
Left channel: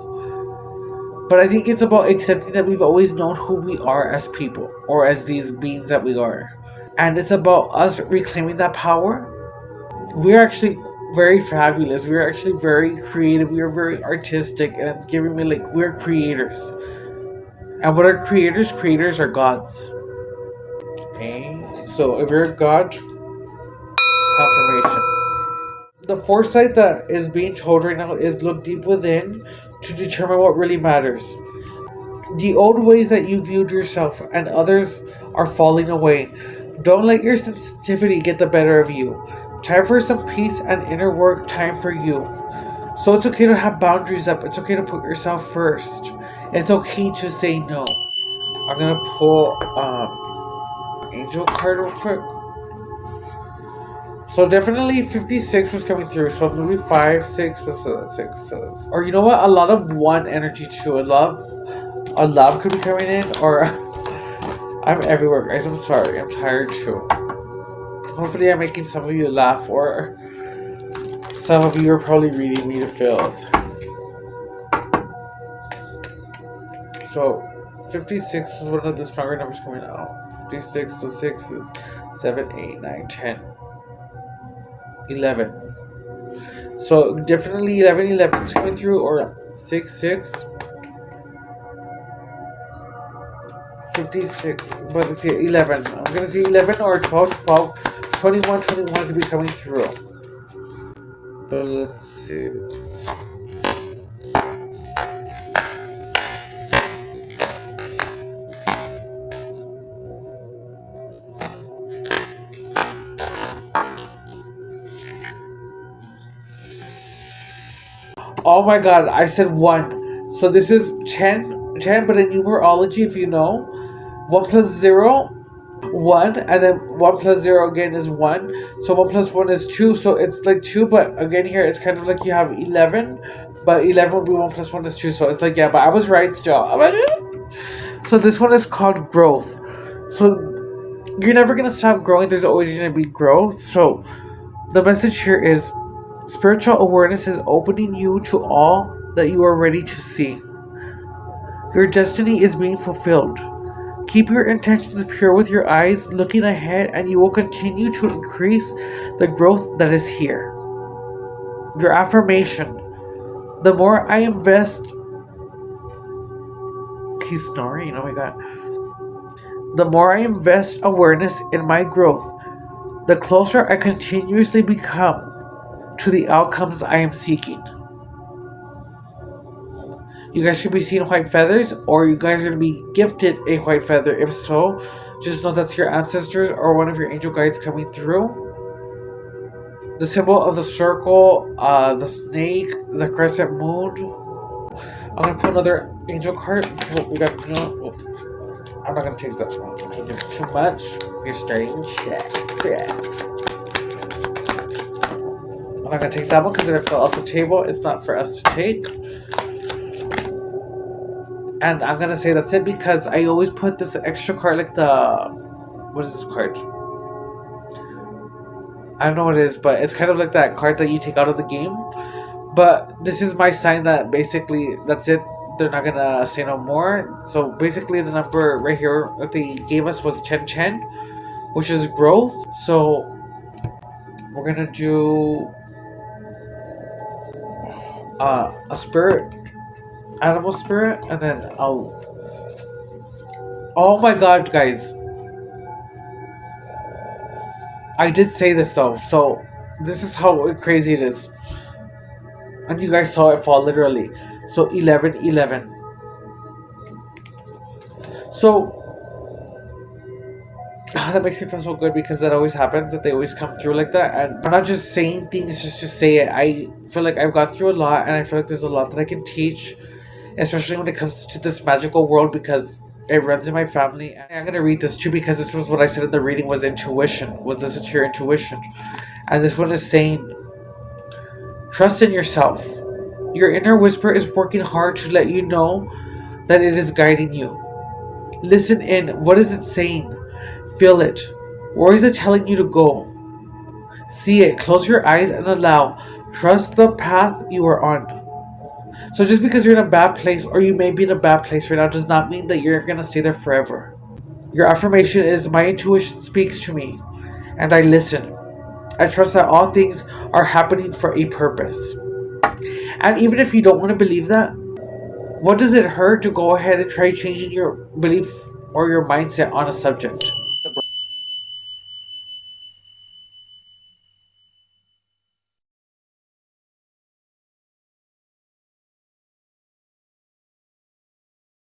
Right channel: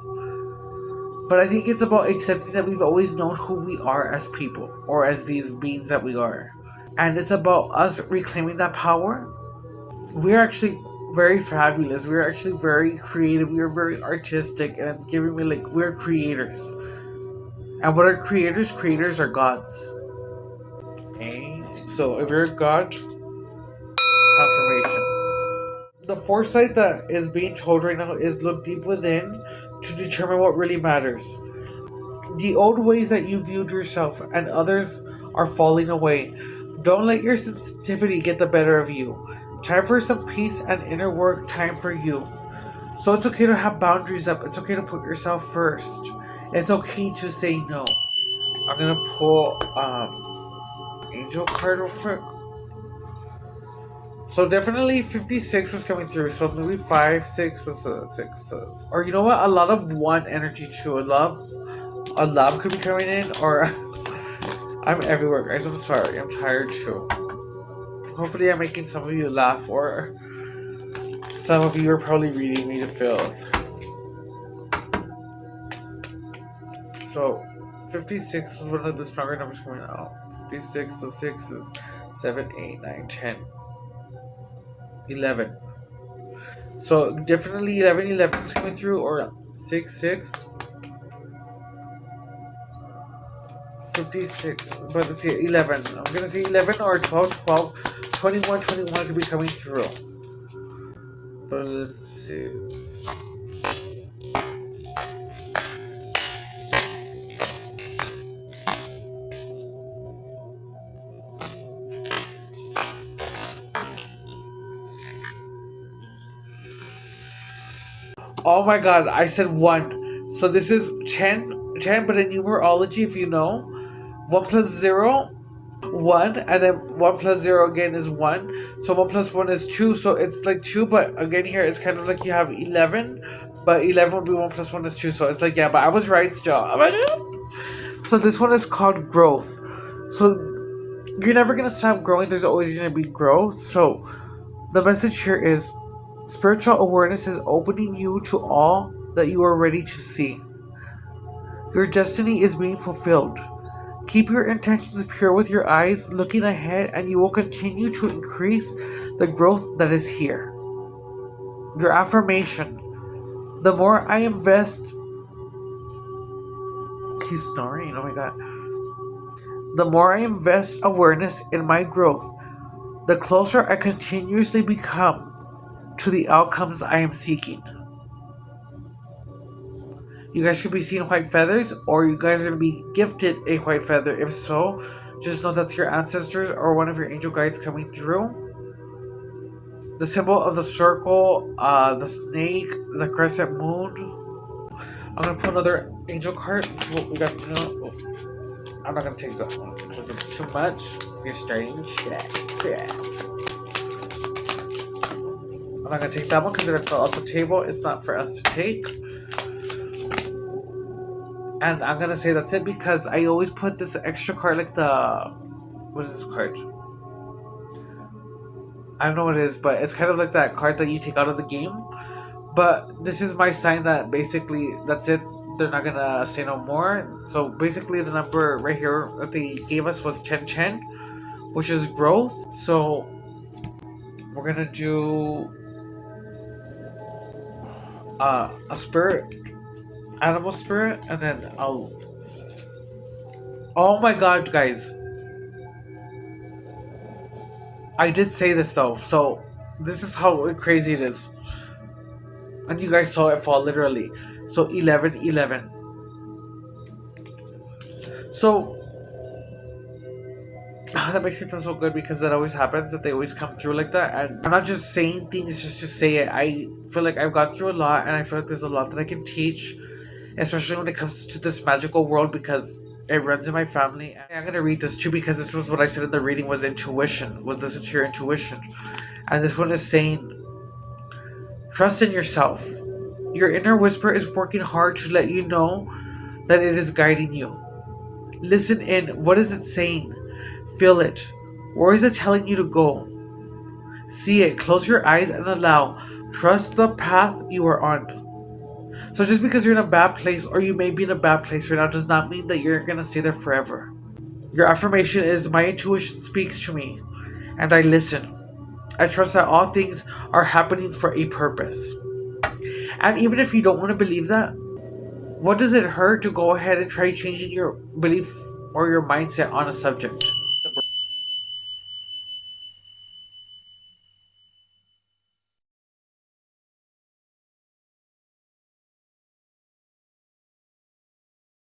But I think it's about accepting that we've always known who we are as people, or as these beings that we are. And it's about us reclaiming that power. We're actually very fabulous. We're actually very creative. We are very artistic, and it's giving me like, we're creators. And what are creators? Creators are gods. Okay. So if you're a god, confirmation. The foresight that is being told right now is look deep within to determine what really matters. The old ways that you viewed yourself and others are falling away. Don't let your sensitivity get the better of you. Time for some peace and inner work time for you. So it's okay to have boundaries up. It's okay to put yourself first. It's okay to say no. I'm gonna pull angel card real quick. So definitely 56 was coming through. So maybe 5, 6, that's 6. Or you know what? A lot of one energy too. I love a love could be coming in, or I'm everywhere, guys. I'm sorry. I'm tired too. Hopefully, I'm making some of you laugh, or some of you are probably reading me to filth. So, 56 is one of the stronger numbers coming out. 56, so 6 is 7, 8, 9, 10, 11. So, definitely 11, 11 is coming through, or 6, 6. 56, but let's see, 11. I'm going to see 11 or 12, 12, 21, 21 could be coming through. But let's see. Oh my god, I said 1. So this is 10, 10, but in numerology, if you know, 1 plus 0, 1, and then 1 plus 0 again is 1. So 1 plus 1 is 2, so it's like 2, but again here it's kind of like you have 11, but 11 would be 1 plus 1 is 2, so it's like, yeah, but I was right still. So this one is called growth. So you're never going to stop growing, there's always going to be growth. So the message here is spiritual awareness is opening you to all that you are ready to see. Your destiny is being fulfilled. Keep your intentions pure with your eyes looking ahead, and you will continue to increase the growth that is here. Your affirmation: the more I invest. He's snoring, oh my god. The more I invest awareness in my growth, the closer I continuously become to the outcomes I am seeking. You guys could be seeing white feathers, or you guys are going to be gifted a white feather. If so, just know that's your ancestors or one of your angel guides coming through. The symbol of the circle, the snake, the crescent moon. I'm going to put another angel card. We got, I'm not going to take that one because it's too much. You're starting shit. I'm not going to take that one because it fell off the table. It's not for us to take. And I'm gonna say that's it because I always put this extra card, like the, what is this card? I don't know what it is, but it's kind of like that card that you take out of the game. But this is my sign that basically that's it. They're not gonna say no more. So basically the number right here that they gave us was 1010, which is growth. So we're gonna do a spirit, animal spirit, and then I'll. Oh my god, guys. I did say this though, so this is how crazy it is. And you guys saw it fall literally. So 11, 11. So that makes me feel so good because that always happens, that they always come through like that. And I'm not just saying things just to say it. I feel like I've gone through a lot, and I feel like there's a lot that I can teach, especially when it comes to this magical world, because it runs in my family. I'm gonna read this too because this was what I said in the reading was intuition, was listen to your intuition. And this one is saying, trust in yourself. Your inner whisper is working hard to let you know that it is guiding you. Listen in. What is it saying? Feel it. Where is it telling you to go? See it. Close your eyes and allow. Trust the path you are on. So just because you're in a bad place, or you may be in a bad place right now, does not mean that you're going to stay there forever. Your affirmation is, my intuition speaks to me, and I listen. I trust that all things are happening for a purpose. And even if you don't want to believe that, what does it hurt to go ahead and try changing your belief or your mindset on a subject?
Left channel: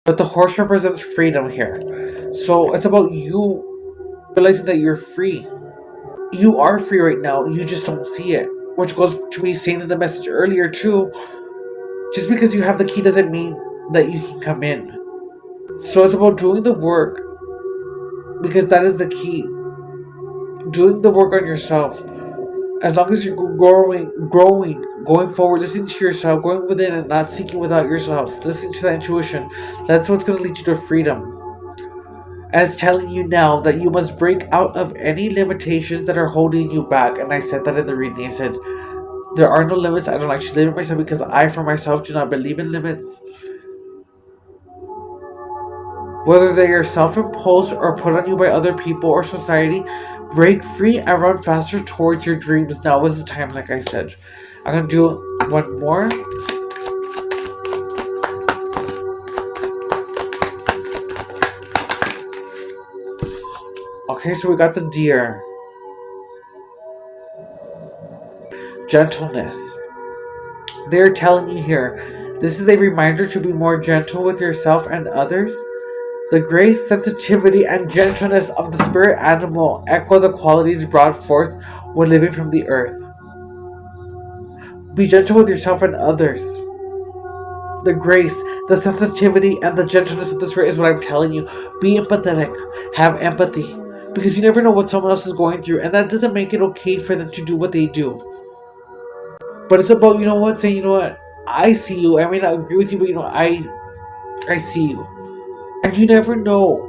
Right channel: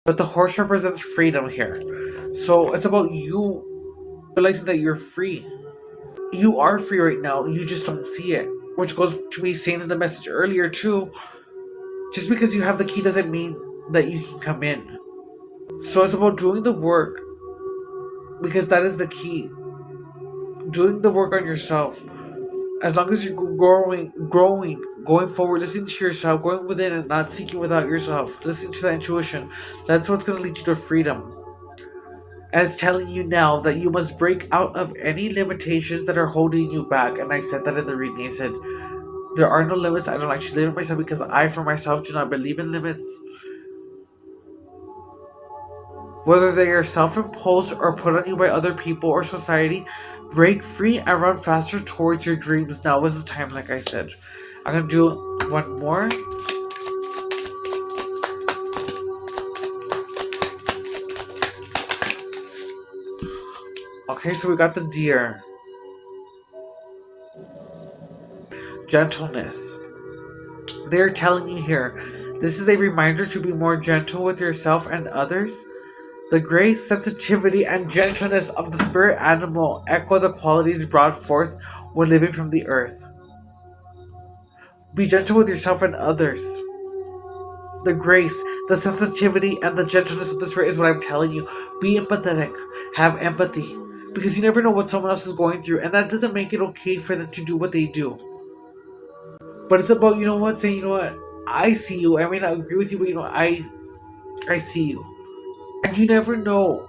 But the horse represents freedom here. So it's about you realizing that you're free. You are free right now. You just don't see it. Which goes to me saying in the message earlier too, just because you have the key doesn't mean that you can come in. So it's about doing the work, because that is the key. Doing the work on yourself. As long as you're growing, going forward, listening to yourself, going within and not seeking without yourself, listening to that intuition, that's what's going to lead you to freedom. And it's telling you now that you must break out of any limitations that are holding you back. And I said that in the reading. I said, there are no limits. I don't actually limit myself because I, for myself, do not believe in limits. Whether they are self-imposed or put on you by other people or society, break free and run faster towards your dreams. Now is the time, like I said. I'm going to do one more. Okay, so we got the deer. Gentleness. They're telling you here, this is a reminder to be more gentle with yourself and others. The grace, sensitivity, and gentleness of the spirit animal echo the qualities brought forth when living from the earth. Be gentle with yourself and others. The grace, the sensitivity, and the gentleness of the spirit is what I'm telling you. Be empathetic. Have empathy. Because you never know what someone else is going through, and that doesn't make it okay for them to do what they do. But it's about, saying, I see you. I may not agree with you, but I see you. And you never know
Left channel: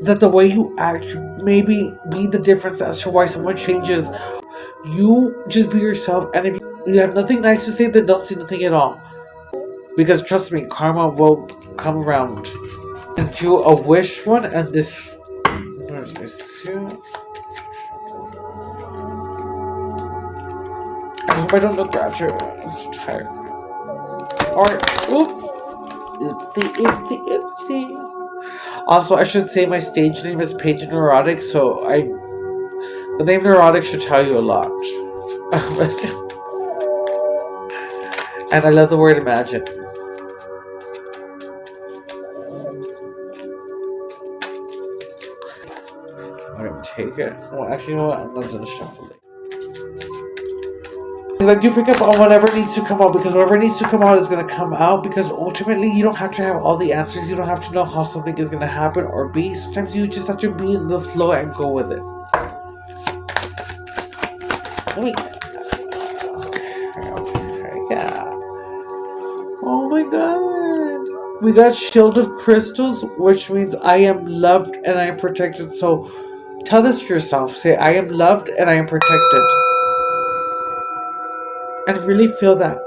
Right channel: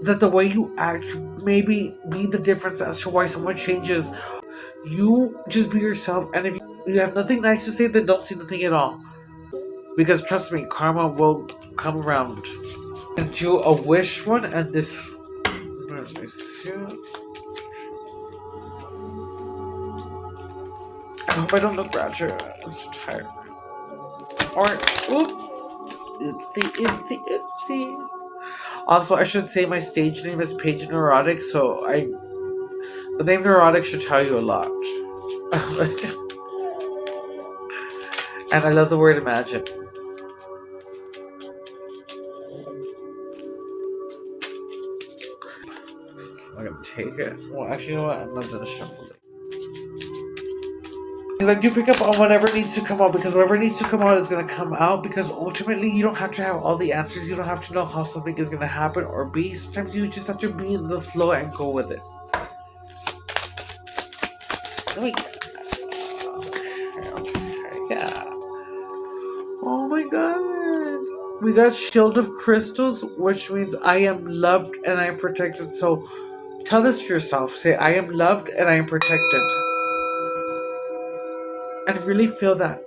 that the way you act maybe be the difference as to why someone changes. You just be yourself, and if you have nothing nice to say, then don't say nothing at all. Because trust me, karma will come around. And do a wish one, and this. Let me see. I hope I don't look ratchet. I'm so tired. Alright, oops. Oopsie. Also, I should say my stage name is Paige Neurotic, so the name Neurotic should tell you a lot. And I love the word imagine. I'm gonna take it. Well, actually, you know what? I'm not gonna shuffle it. I do pick up on whatever needs to come out, because whatever needs to come out is going to come out, because ultimately you don't have to have all the answers. You don't have to know how something is going to happen or be. Sometimes you just have to be in the flow and go with it. Yeah. Oh my god. We got Shield of Crystals, which means I am loved and I am protected. So tell this to yourself. Say, I am loved and I am protected. And really feel that.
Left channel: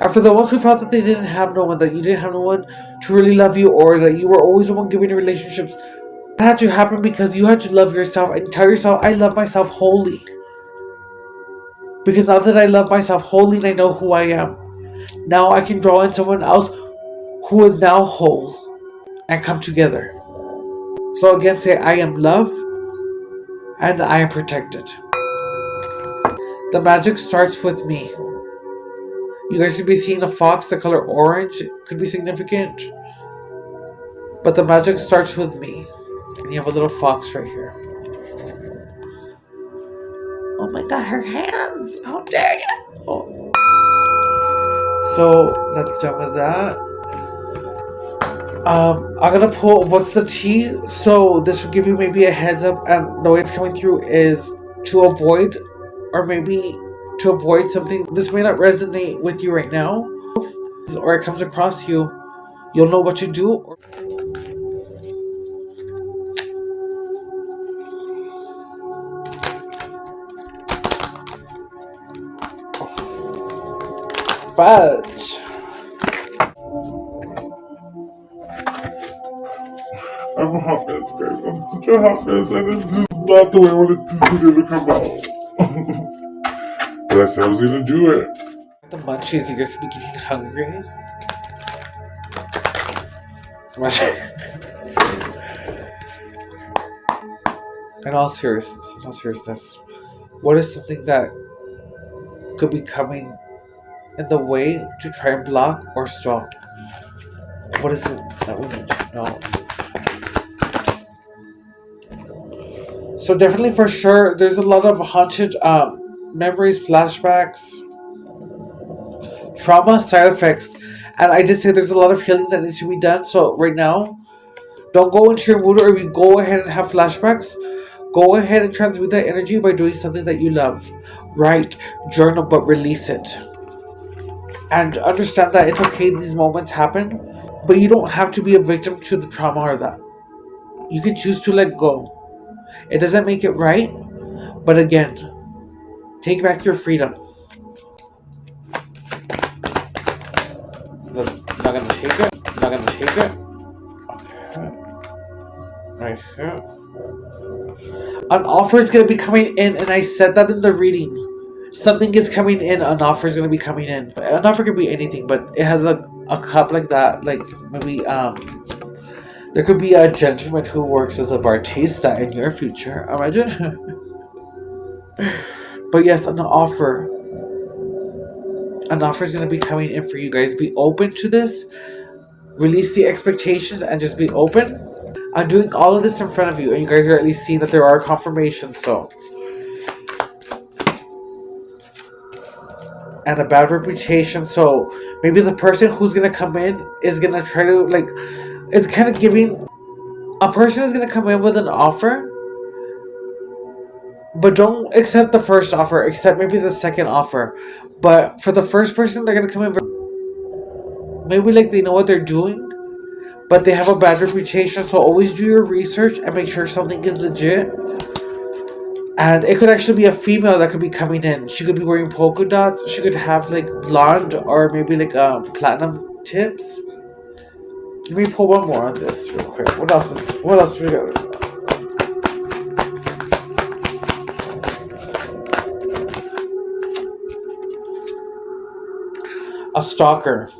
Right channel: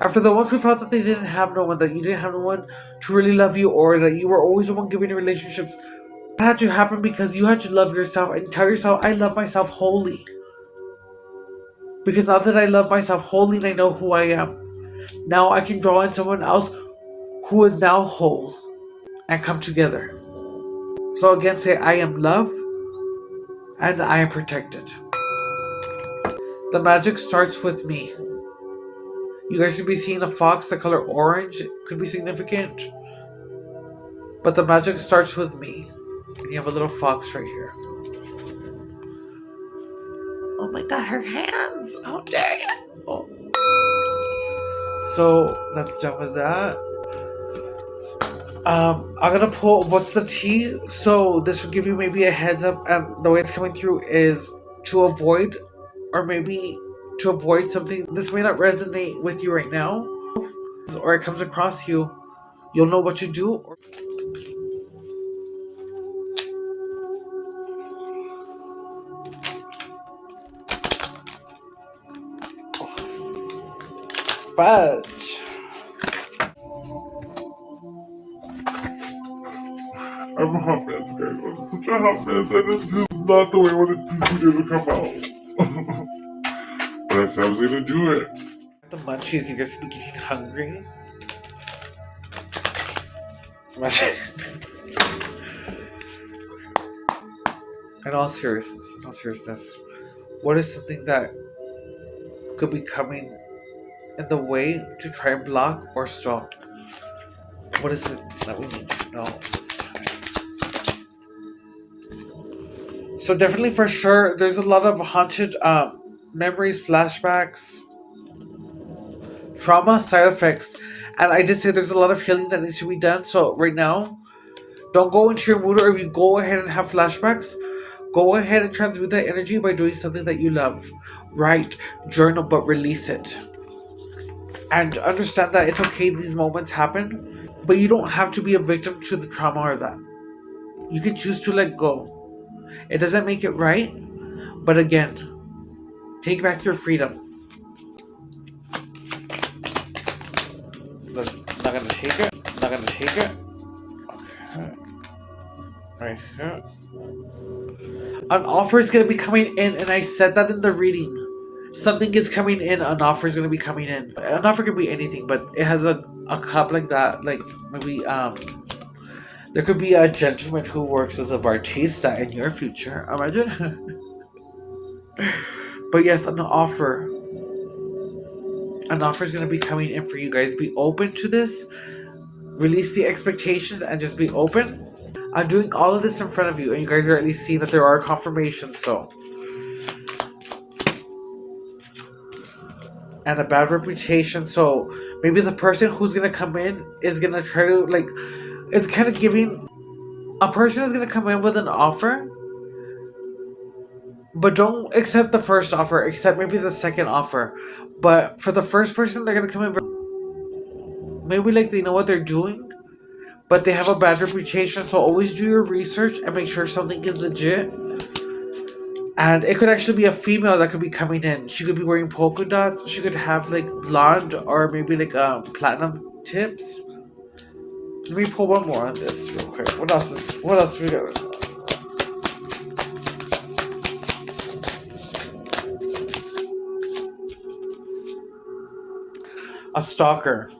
And for the ones who felt that they didn't have no one, that you didn't have no one to really love you, or that you were always the one giving you relationships, that had to happen because you had to love yourself and tell yourself, I love myself wholly. Because now that I love myself wholly and I know who I am, now I can draw in someone else who is now whole and come together. So again, say, I am loved and I am protected. The magic starts with me. You guys should be seeing a fox, the color orange. It could be significant. But the magic starts with me. And you have a little fox right here. Oh my god, her hands! How dare you! Oh. So, that's done with that. I'm gonna pull what's the tea. So, this will give you maybe a heads up. And the way it's coming through is to avoid, or maybe to avoid something. This may not resonate with you right now, or it comes across you, you'll know what to do. Fudge. I'm a hot mess, guys. I'm such a hot mess, and this is not the way I wanted this video to come out. But I said I was gonna do it. The munchies, you guys be getting hungry? In all seriousness, what is something that could be coming in the way to try and block or stop? What is it that we need to know? So definitely, for sure, there's a lot of haunted memories, flashbacks, trauma, side effects. And I did say there's a lot of healing that needs to be done. So right now, don't go into your mood, or if you go ahead and have flashbacks, Go ahead and transmute that energy by doing something that you love. Write, journal, but release it. And understand that it's okay these moments happen, but you don't have to be a victim to the trauma or that. You can choose to let go. It doesn't make it right, but again, take back your freedom. Not gonna shake it. Not gonna shake it. Okay. Right here. An offer is gonna be coming in, and I said that in the reading. Something is coming in. An offer is gonna be coming in. An offer can be anything, but it has a cup like that. Like maybe there could be a gentleman who works as a bartista in your future. Imagine. But yes, an offer. An offer is gonna be coming in for you guys. Be open to this. Release the expectations and just be open. I'm doing all of this in front of you, and you guys are at least seeing that there are confirmations, so. And a bad reputation, so maybe the person who's gonna come in is gonna try to, like, it's kind of giving. A person is gonna come in with an offer, but don't accept the first offer, accept maybe the second offer. But for the first person, they're gonna come in, maybe like they know what they're doing, but they have a bad reputation, so always do your research and make sure something is legit. And it could actually be a female that could be coming in. She could be wearing polka dots. She could have like blonde or maybe like platinum tips. Let me pull one more on this real quick. What else we got? A stalker.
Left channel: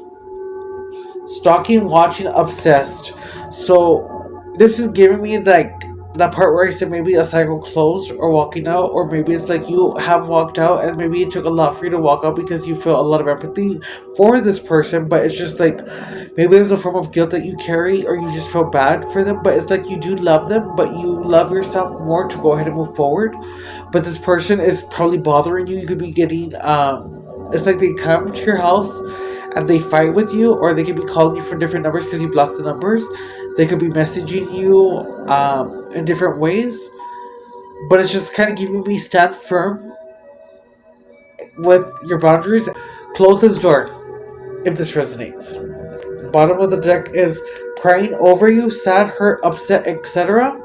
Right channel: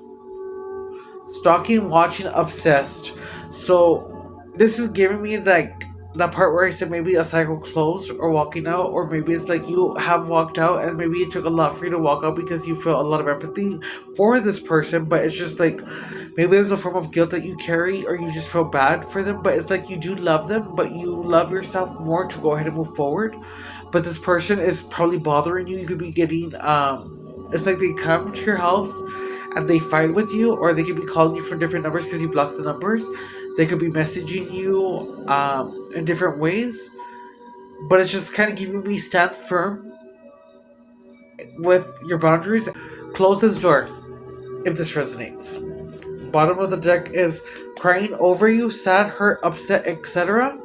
Stalking, watching, obsessed. So this is giving me like that part where I said maybe a cycle closed or walking out, or maybe it's like you have walked out and maybe it took a lot for you to walk out because you feel a lot of empathy for this person, but it's just like maybe there's a form of guilt that you carry, or you just feel bad for them, but it's like you do love them, but you love yourself more to go ahead and move forward. But this person is probably bothering you. You could be getting it's like they come to your house and they fight with you, or they could be calling you for different numbers because you blocked the numbers. They could be messaging you in different ways, but it's just kind of giving me stand firm with your boundaries. Close this door if this resonates. Bottom of the deck is crying over you, sad, hurt, upset, etc.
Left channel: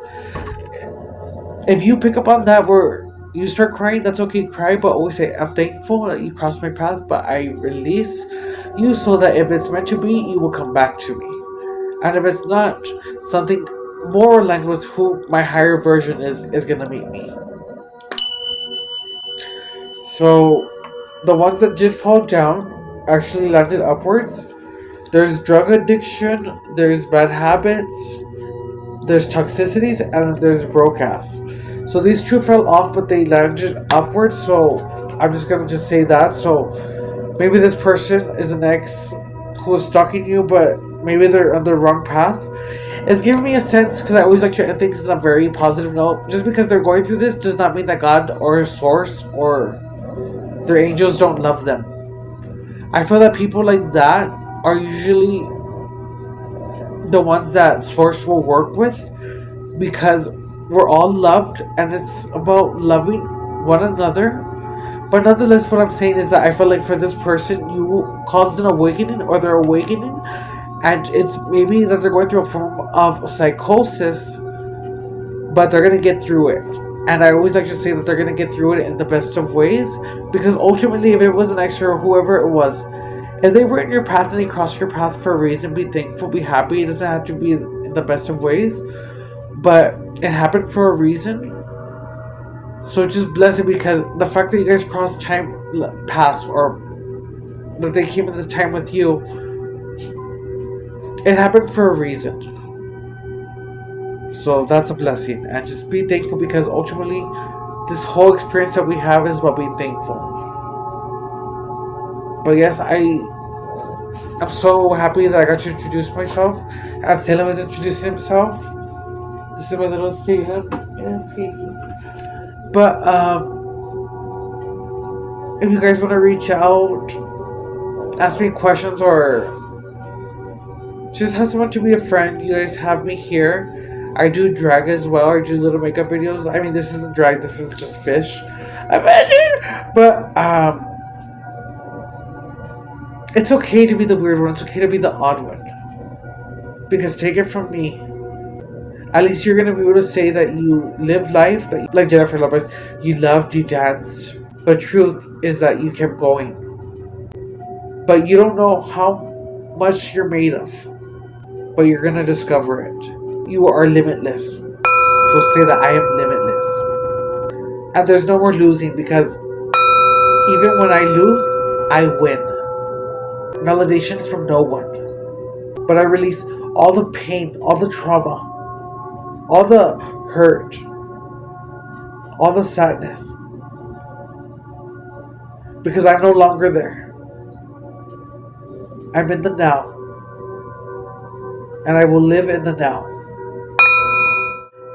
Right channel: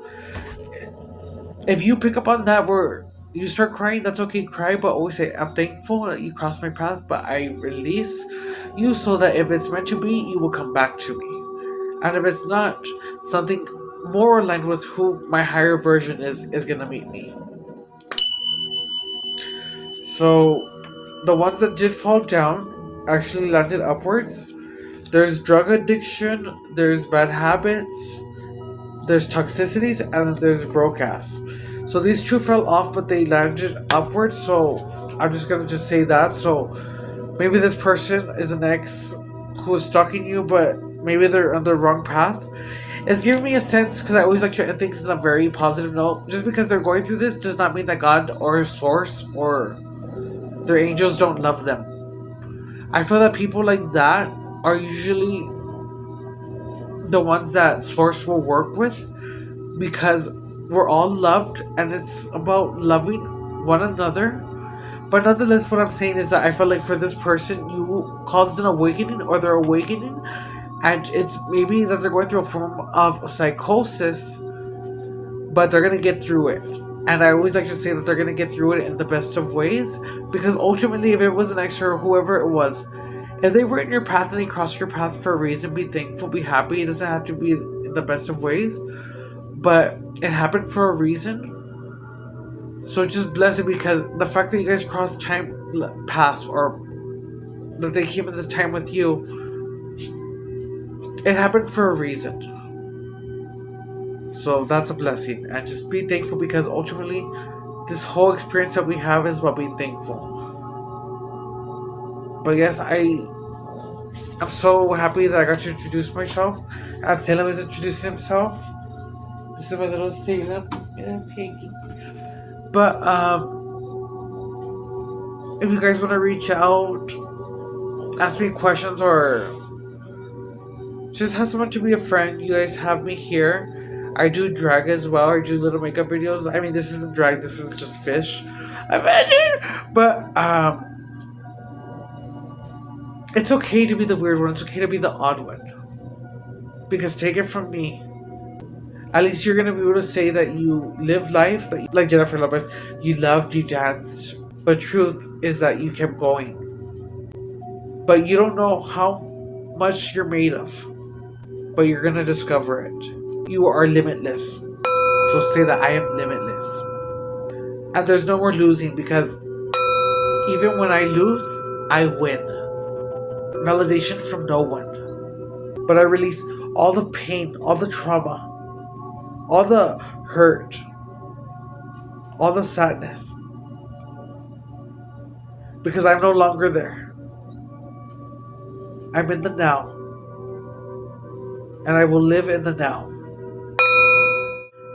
If you pick up on that where you start crying, that's okay, cry, but always say, I'm thankful that you crossed my path, but I release you so that if it's meant to be, you will come back to me. And if it's not, something more aligned with who my higher version is gonna meet me. So the ones that did fall down actually landed upwards. There's drug addiction, there's bad habits, there's toxicities, and there's broke ass. So these two fell off, but they landed upwards. So I'm just gonna say that. So maybe this person is an ex who is stalking you, but maybe they're on the wrong path. It's giving me a sense, because I always like to end things on a very positive note. Just because they're going through this does not mean that God or Source or their angels don't love them. I feel that people like that are usually the ones that Source will work with, because we're all loved and it's about loving one another. But nonetheless, what I'm saying is that I feel like for this person, you caused an awakening, or they're awakening, and it's maybe that they're going through a form of psychosis, but they're going to get through it. And I always like to say that they're going to get through it in the best of ways, because ultimately, if it was an extra or whoever it was, if they were in your path and they crossed your path for a reason, be thankful, be happy. It doesn't have to be in the best of ways, but it happened for a reason. So just bless it, because the fact that you guys crossed time paths, or that they came in this time with you, it happened for a reason. So that's a blessing, and just be thankful, because ultimately this whole experience that we have is about being thankful. But yes, I'm so happy that I got to introduce myself, and Salem is introducing himself. This is my little Salem and Pinky. But if you guys want to reach out, ask me questions, or just have someone to be a friend, you guys have me here. I do drag as well. I do little makeup videos. I mean, this isn't drag. This is just fish. Imagine. But it's okay to be the weird one. It's okay to be the odd one. Because take it from me, at least you're gonna be able to say that you live life, that you, like Jennifer Lopez, you loved, you danced. But truth is that you kept going. But you don't know how much you're made of. But you're gonna discover it. You are limitless. So say that I am limitless. And there's no more losing because even when I lose, I win. Validation from no one. But I release all the pain, all the trauma, all the hurt, all the sadness. Because I'm no longer there. I'm in the now. And I will live in the now.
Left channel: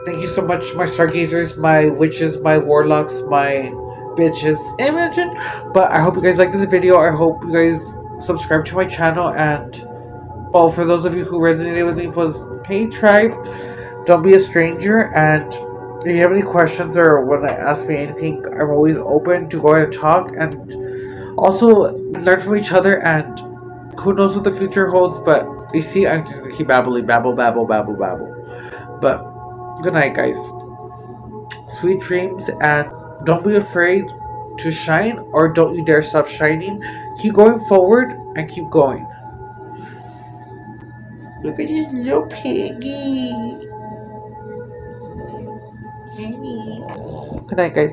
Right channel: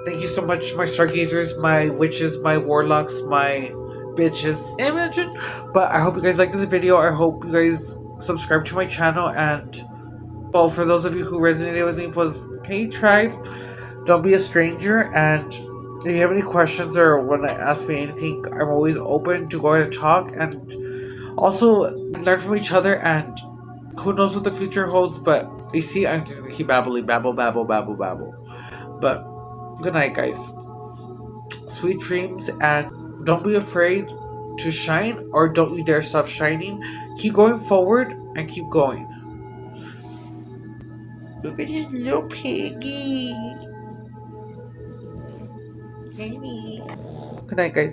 Thank you so much, my stargazers, my witches, my warlocks, my bitches. Imagine. But I hope you guys like this video. I hope you guys subscribe to my channel. And, well, for those of you who resonated with me, was, hey, tribe, don't be a stranger. And if you have any questions or want to ask me anything, I'm always open to go ahead and talk. And also learn from each other. And who knows what the future holds. But you see, I'm just going to keep babbling. Babble, babble, babble, babble. But good night, guys. Sweet dreams, and don't be afraid to shine, or don't you dare stop shining. Keep going forward and keep going. Look at this little piggy. Good night, guys.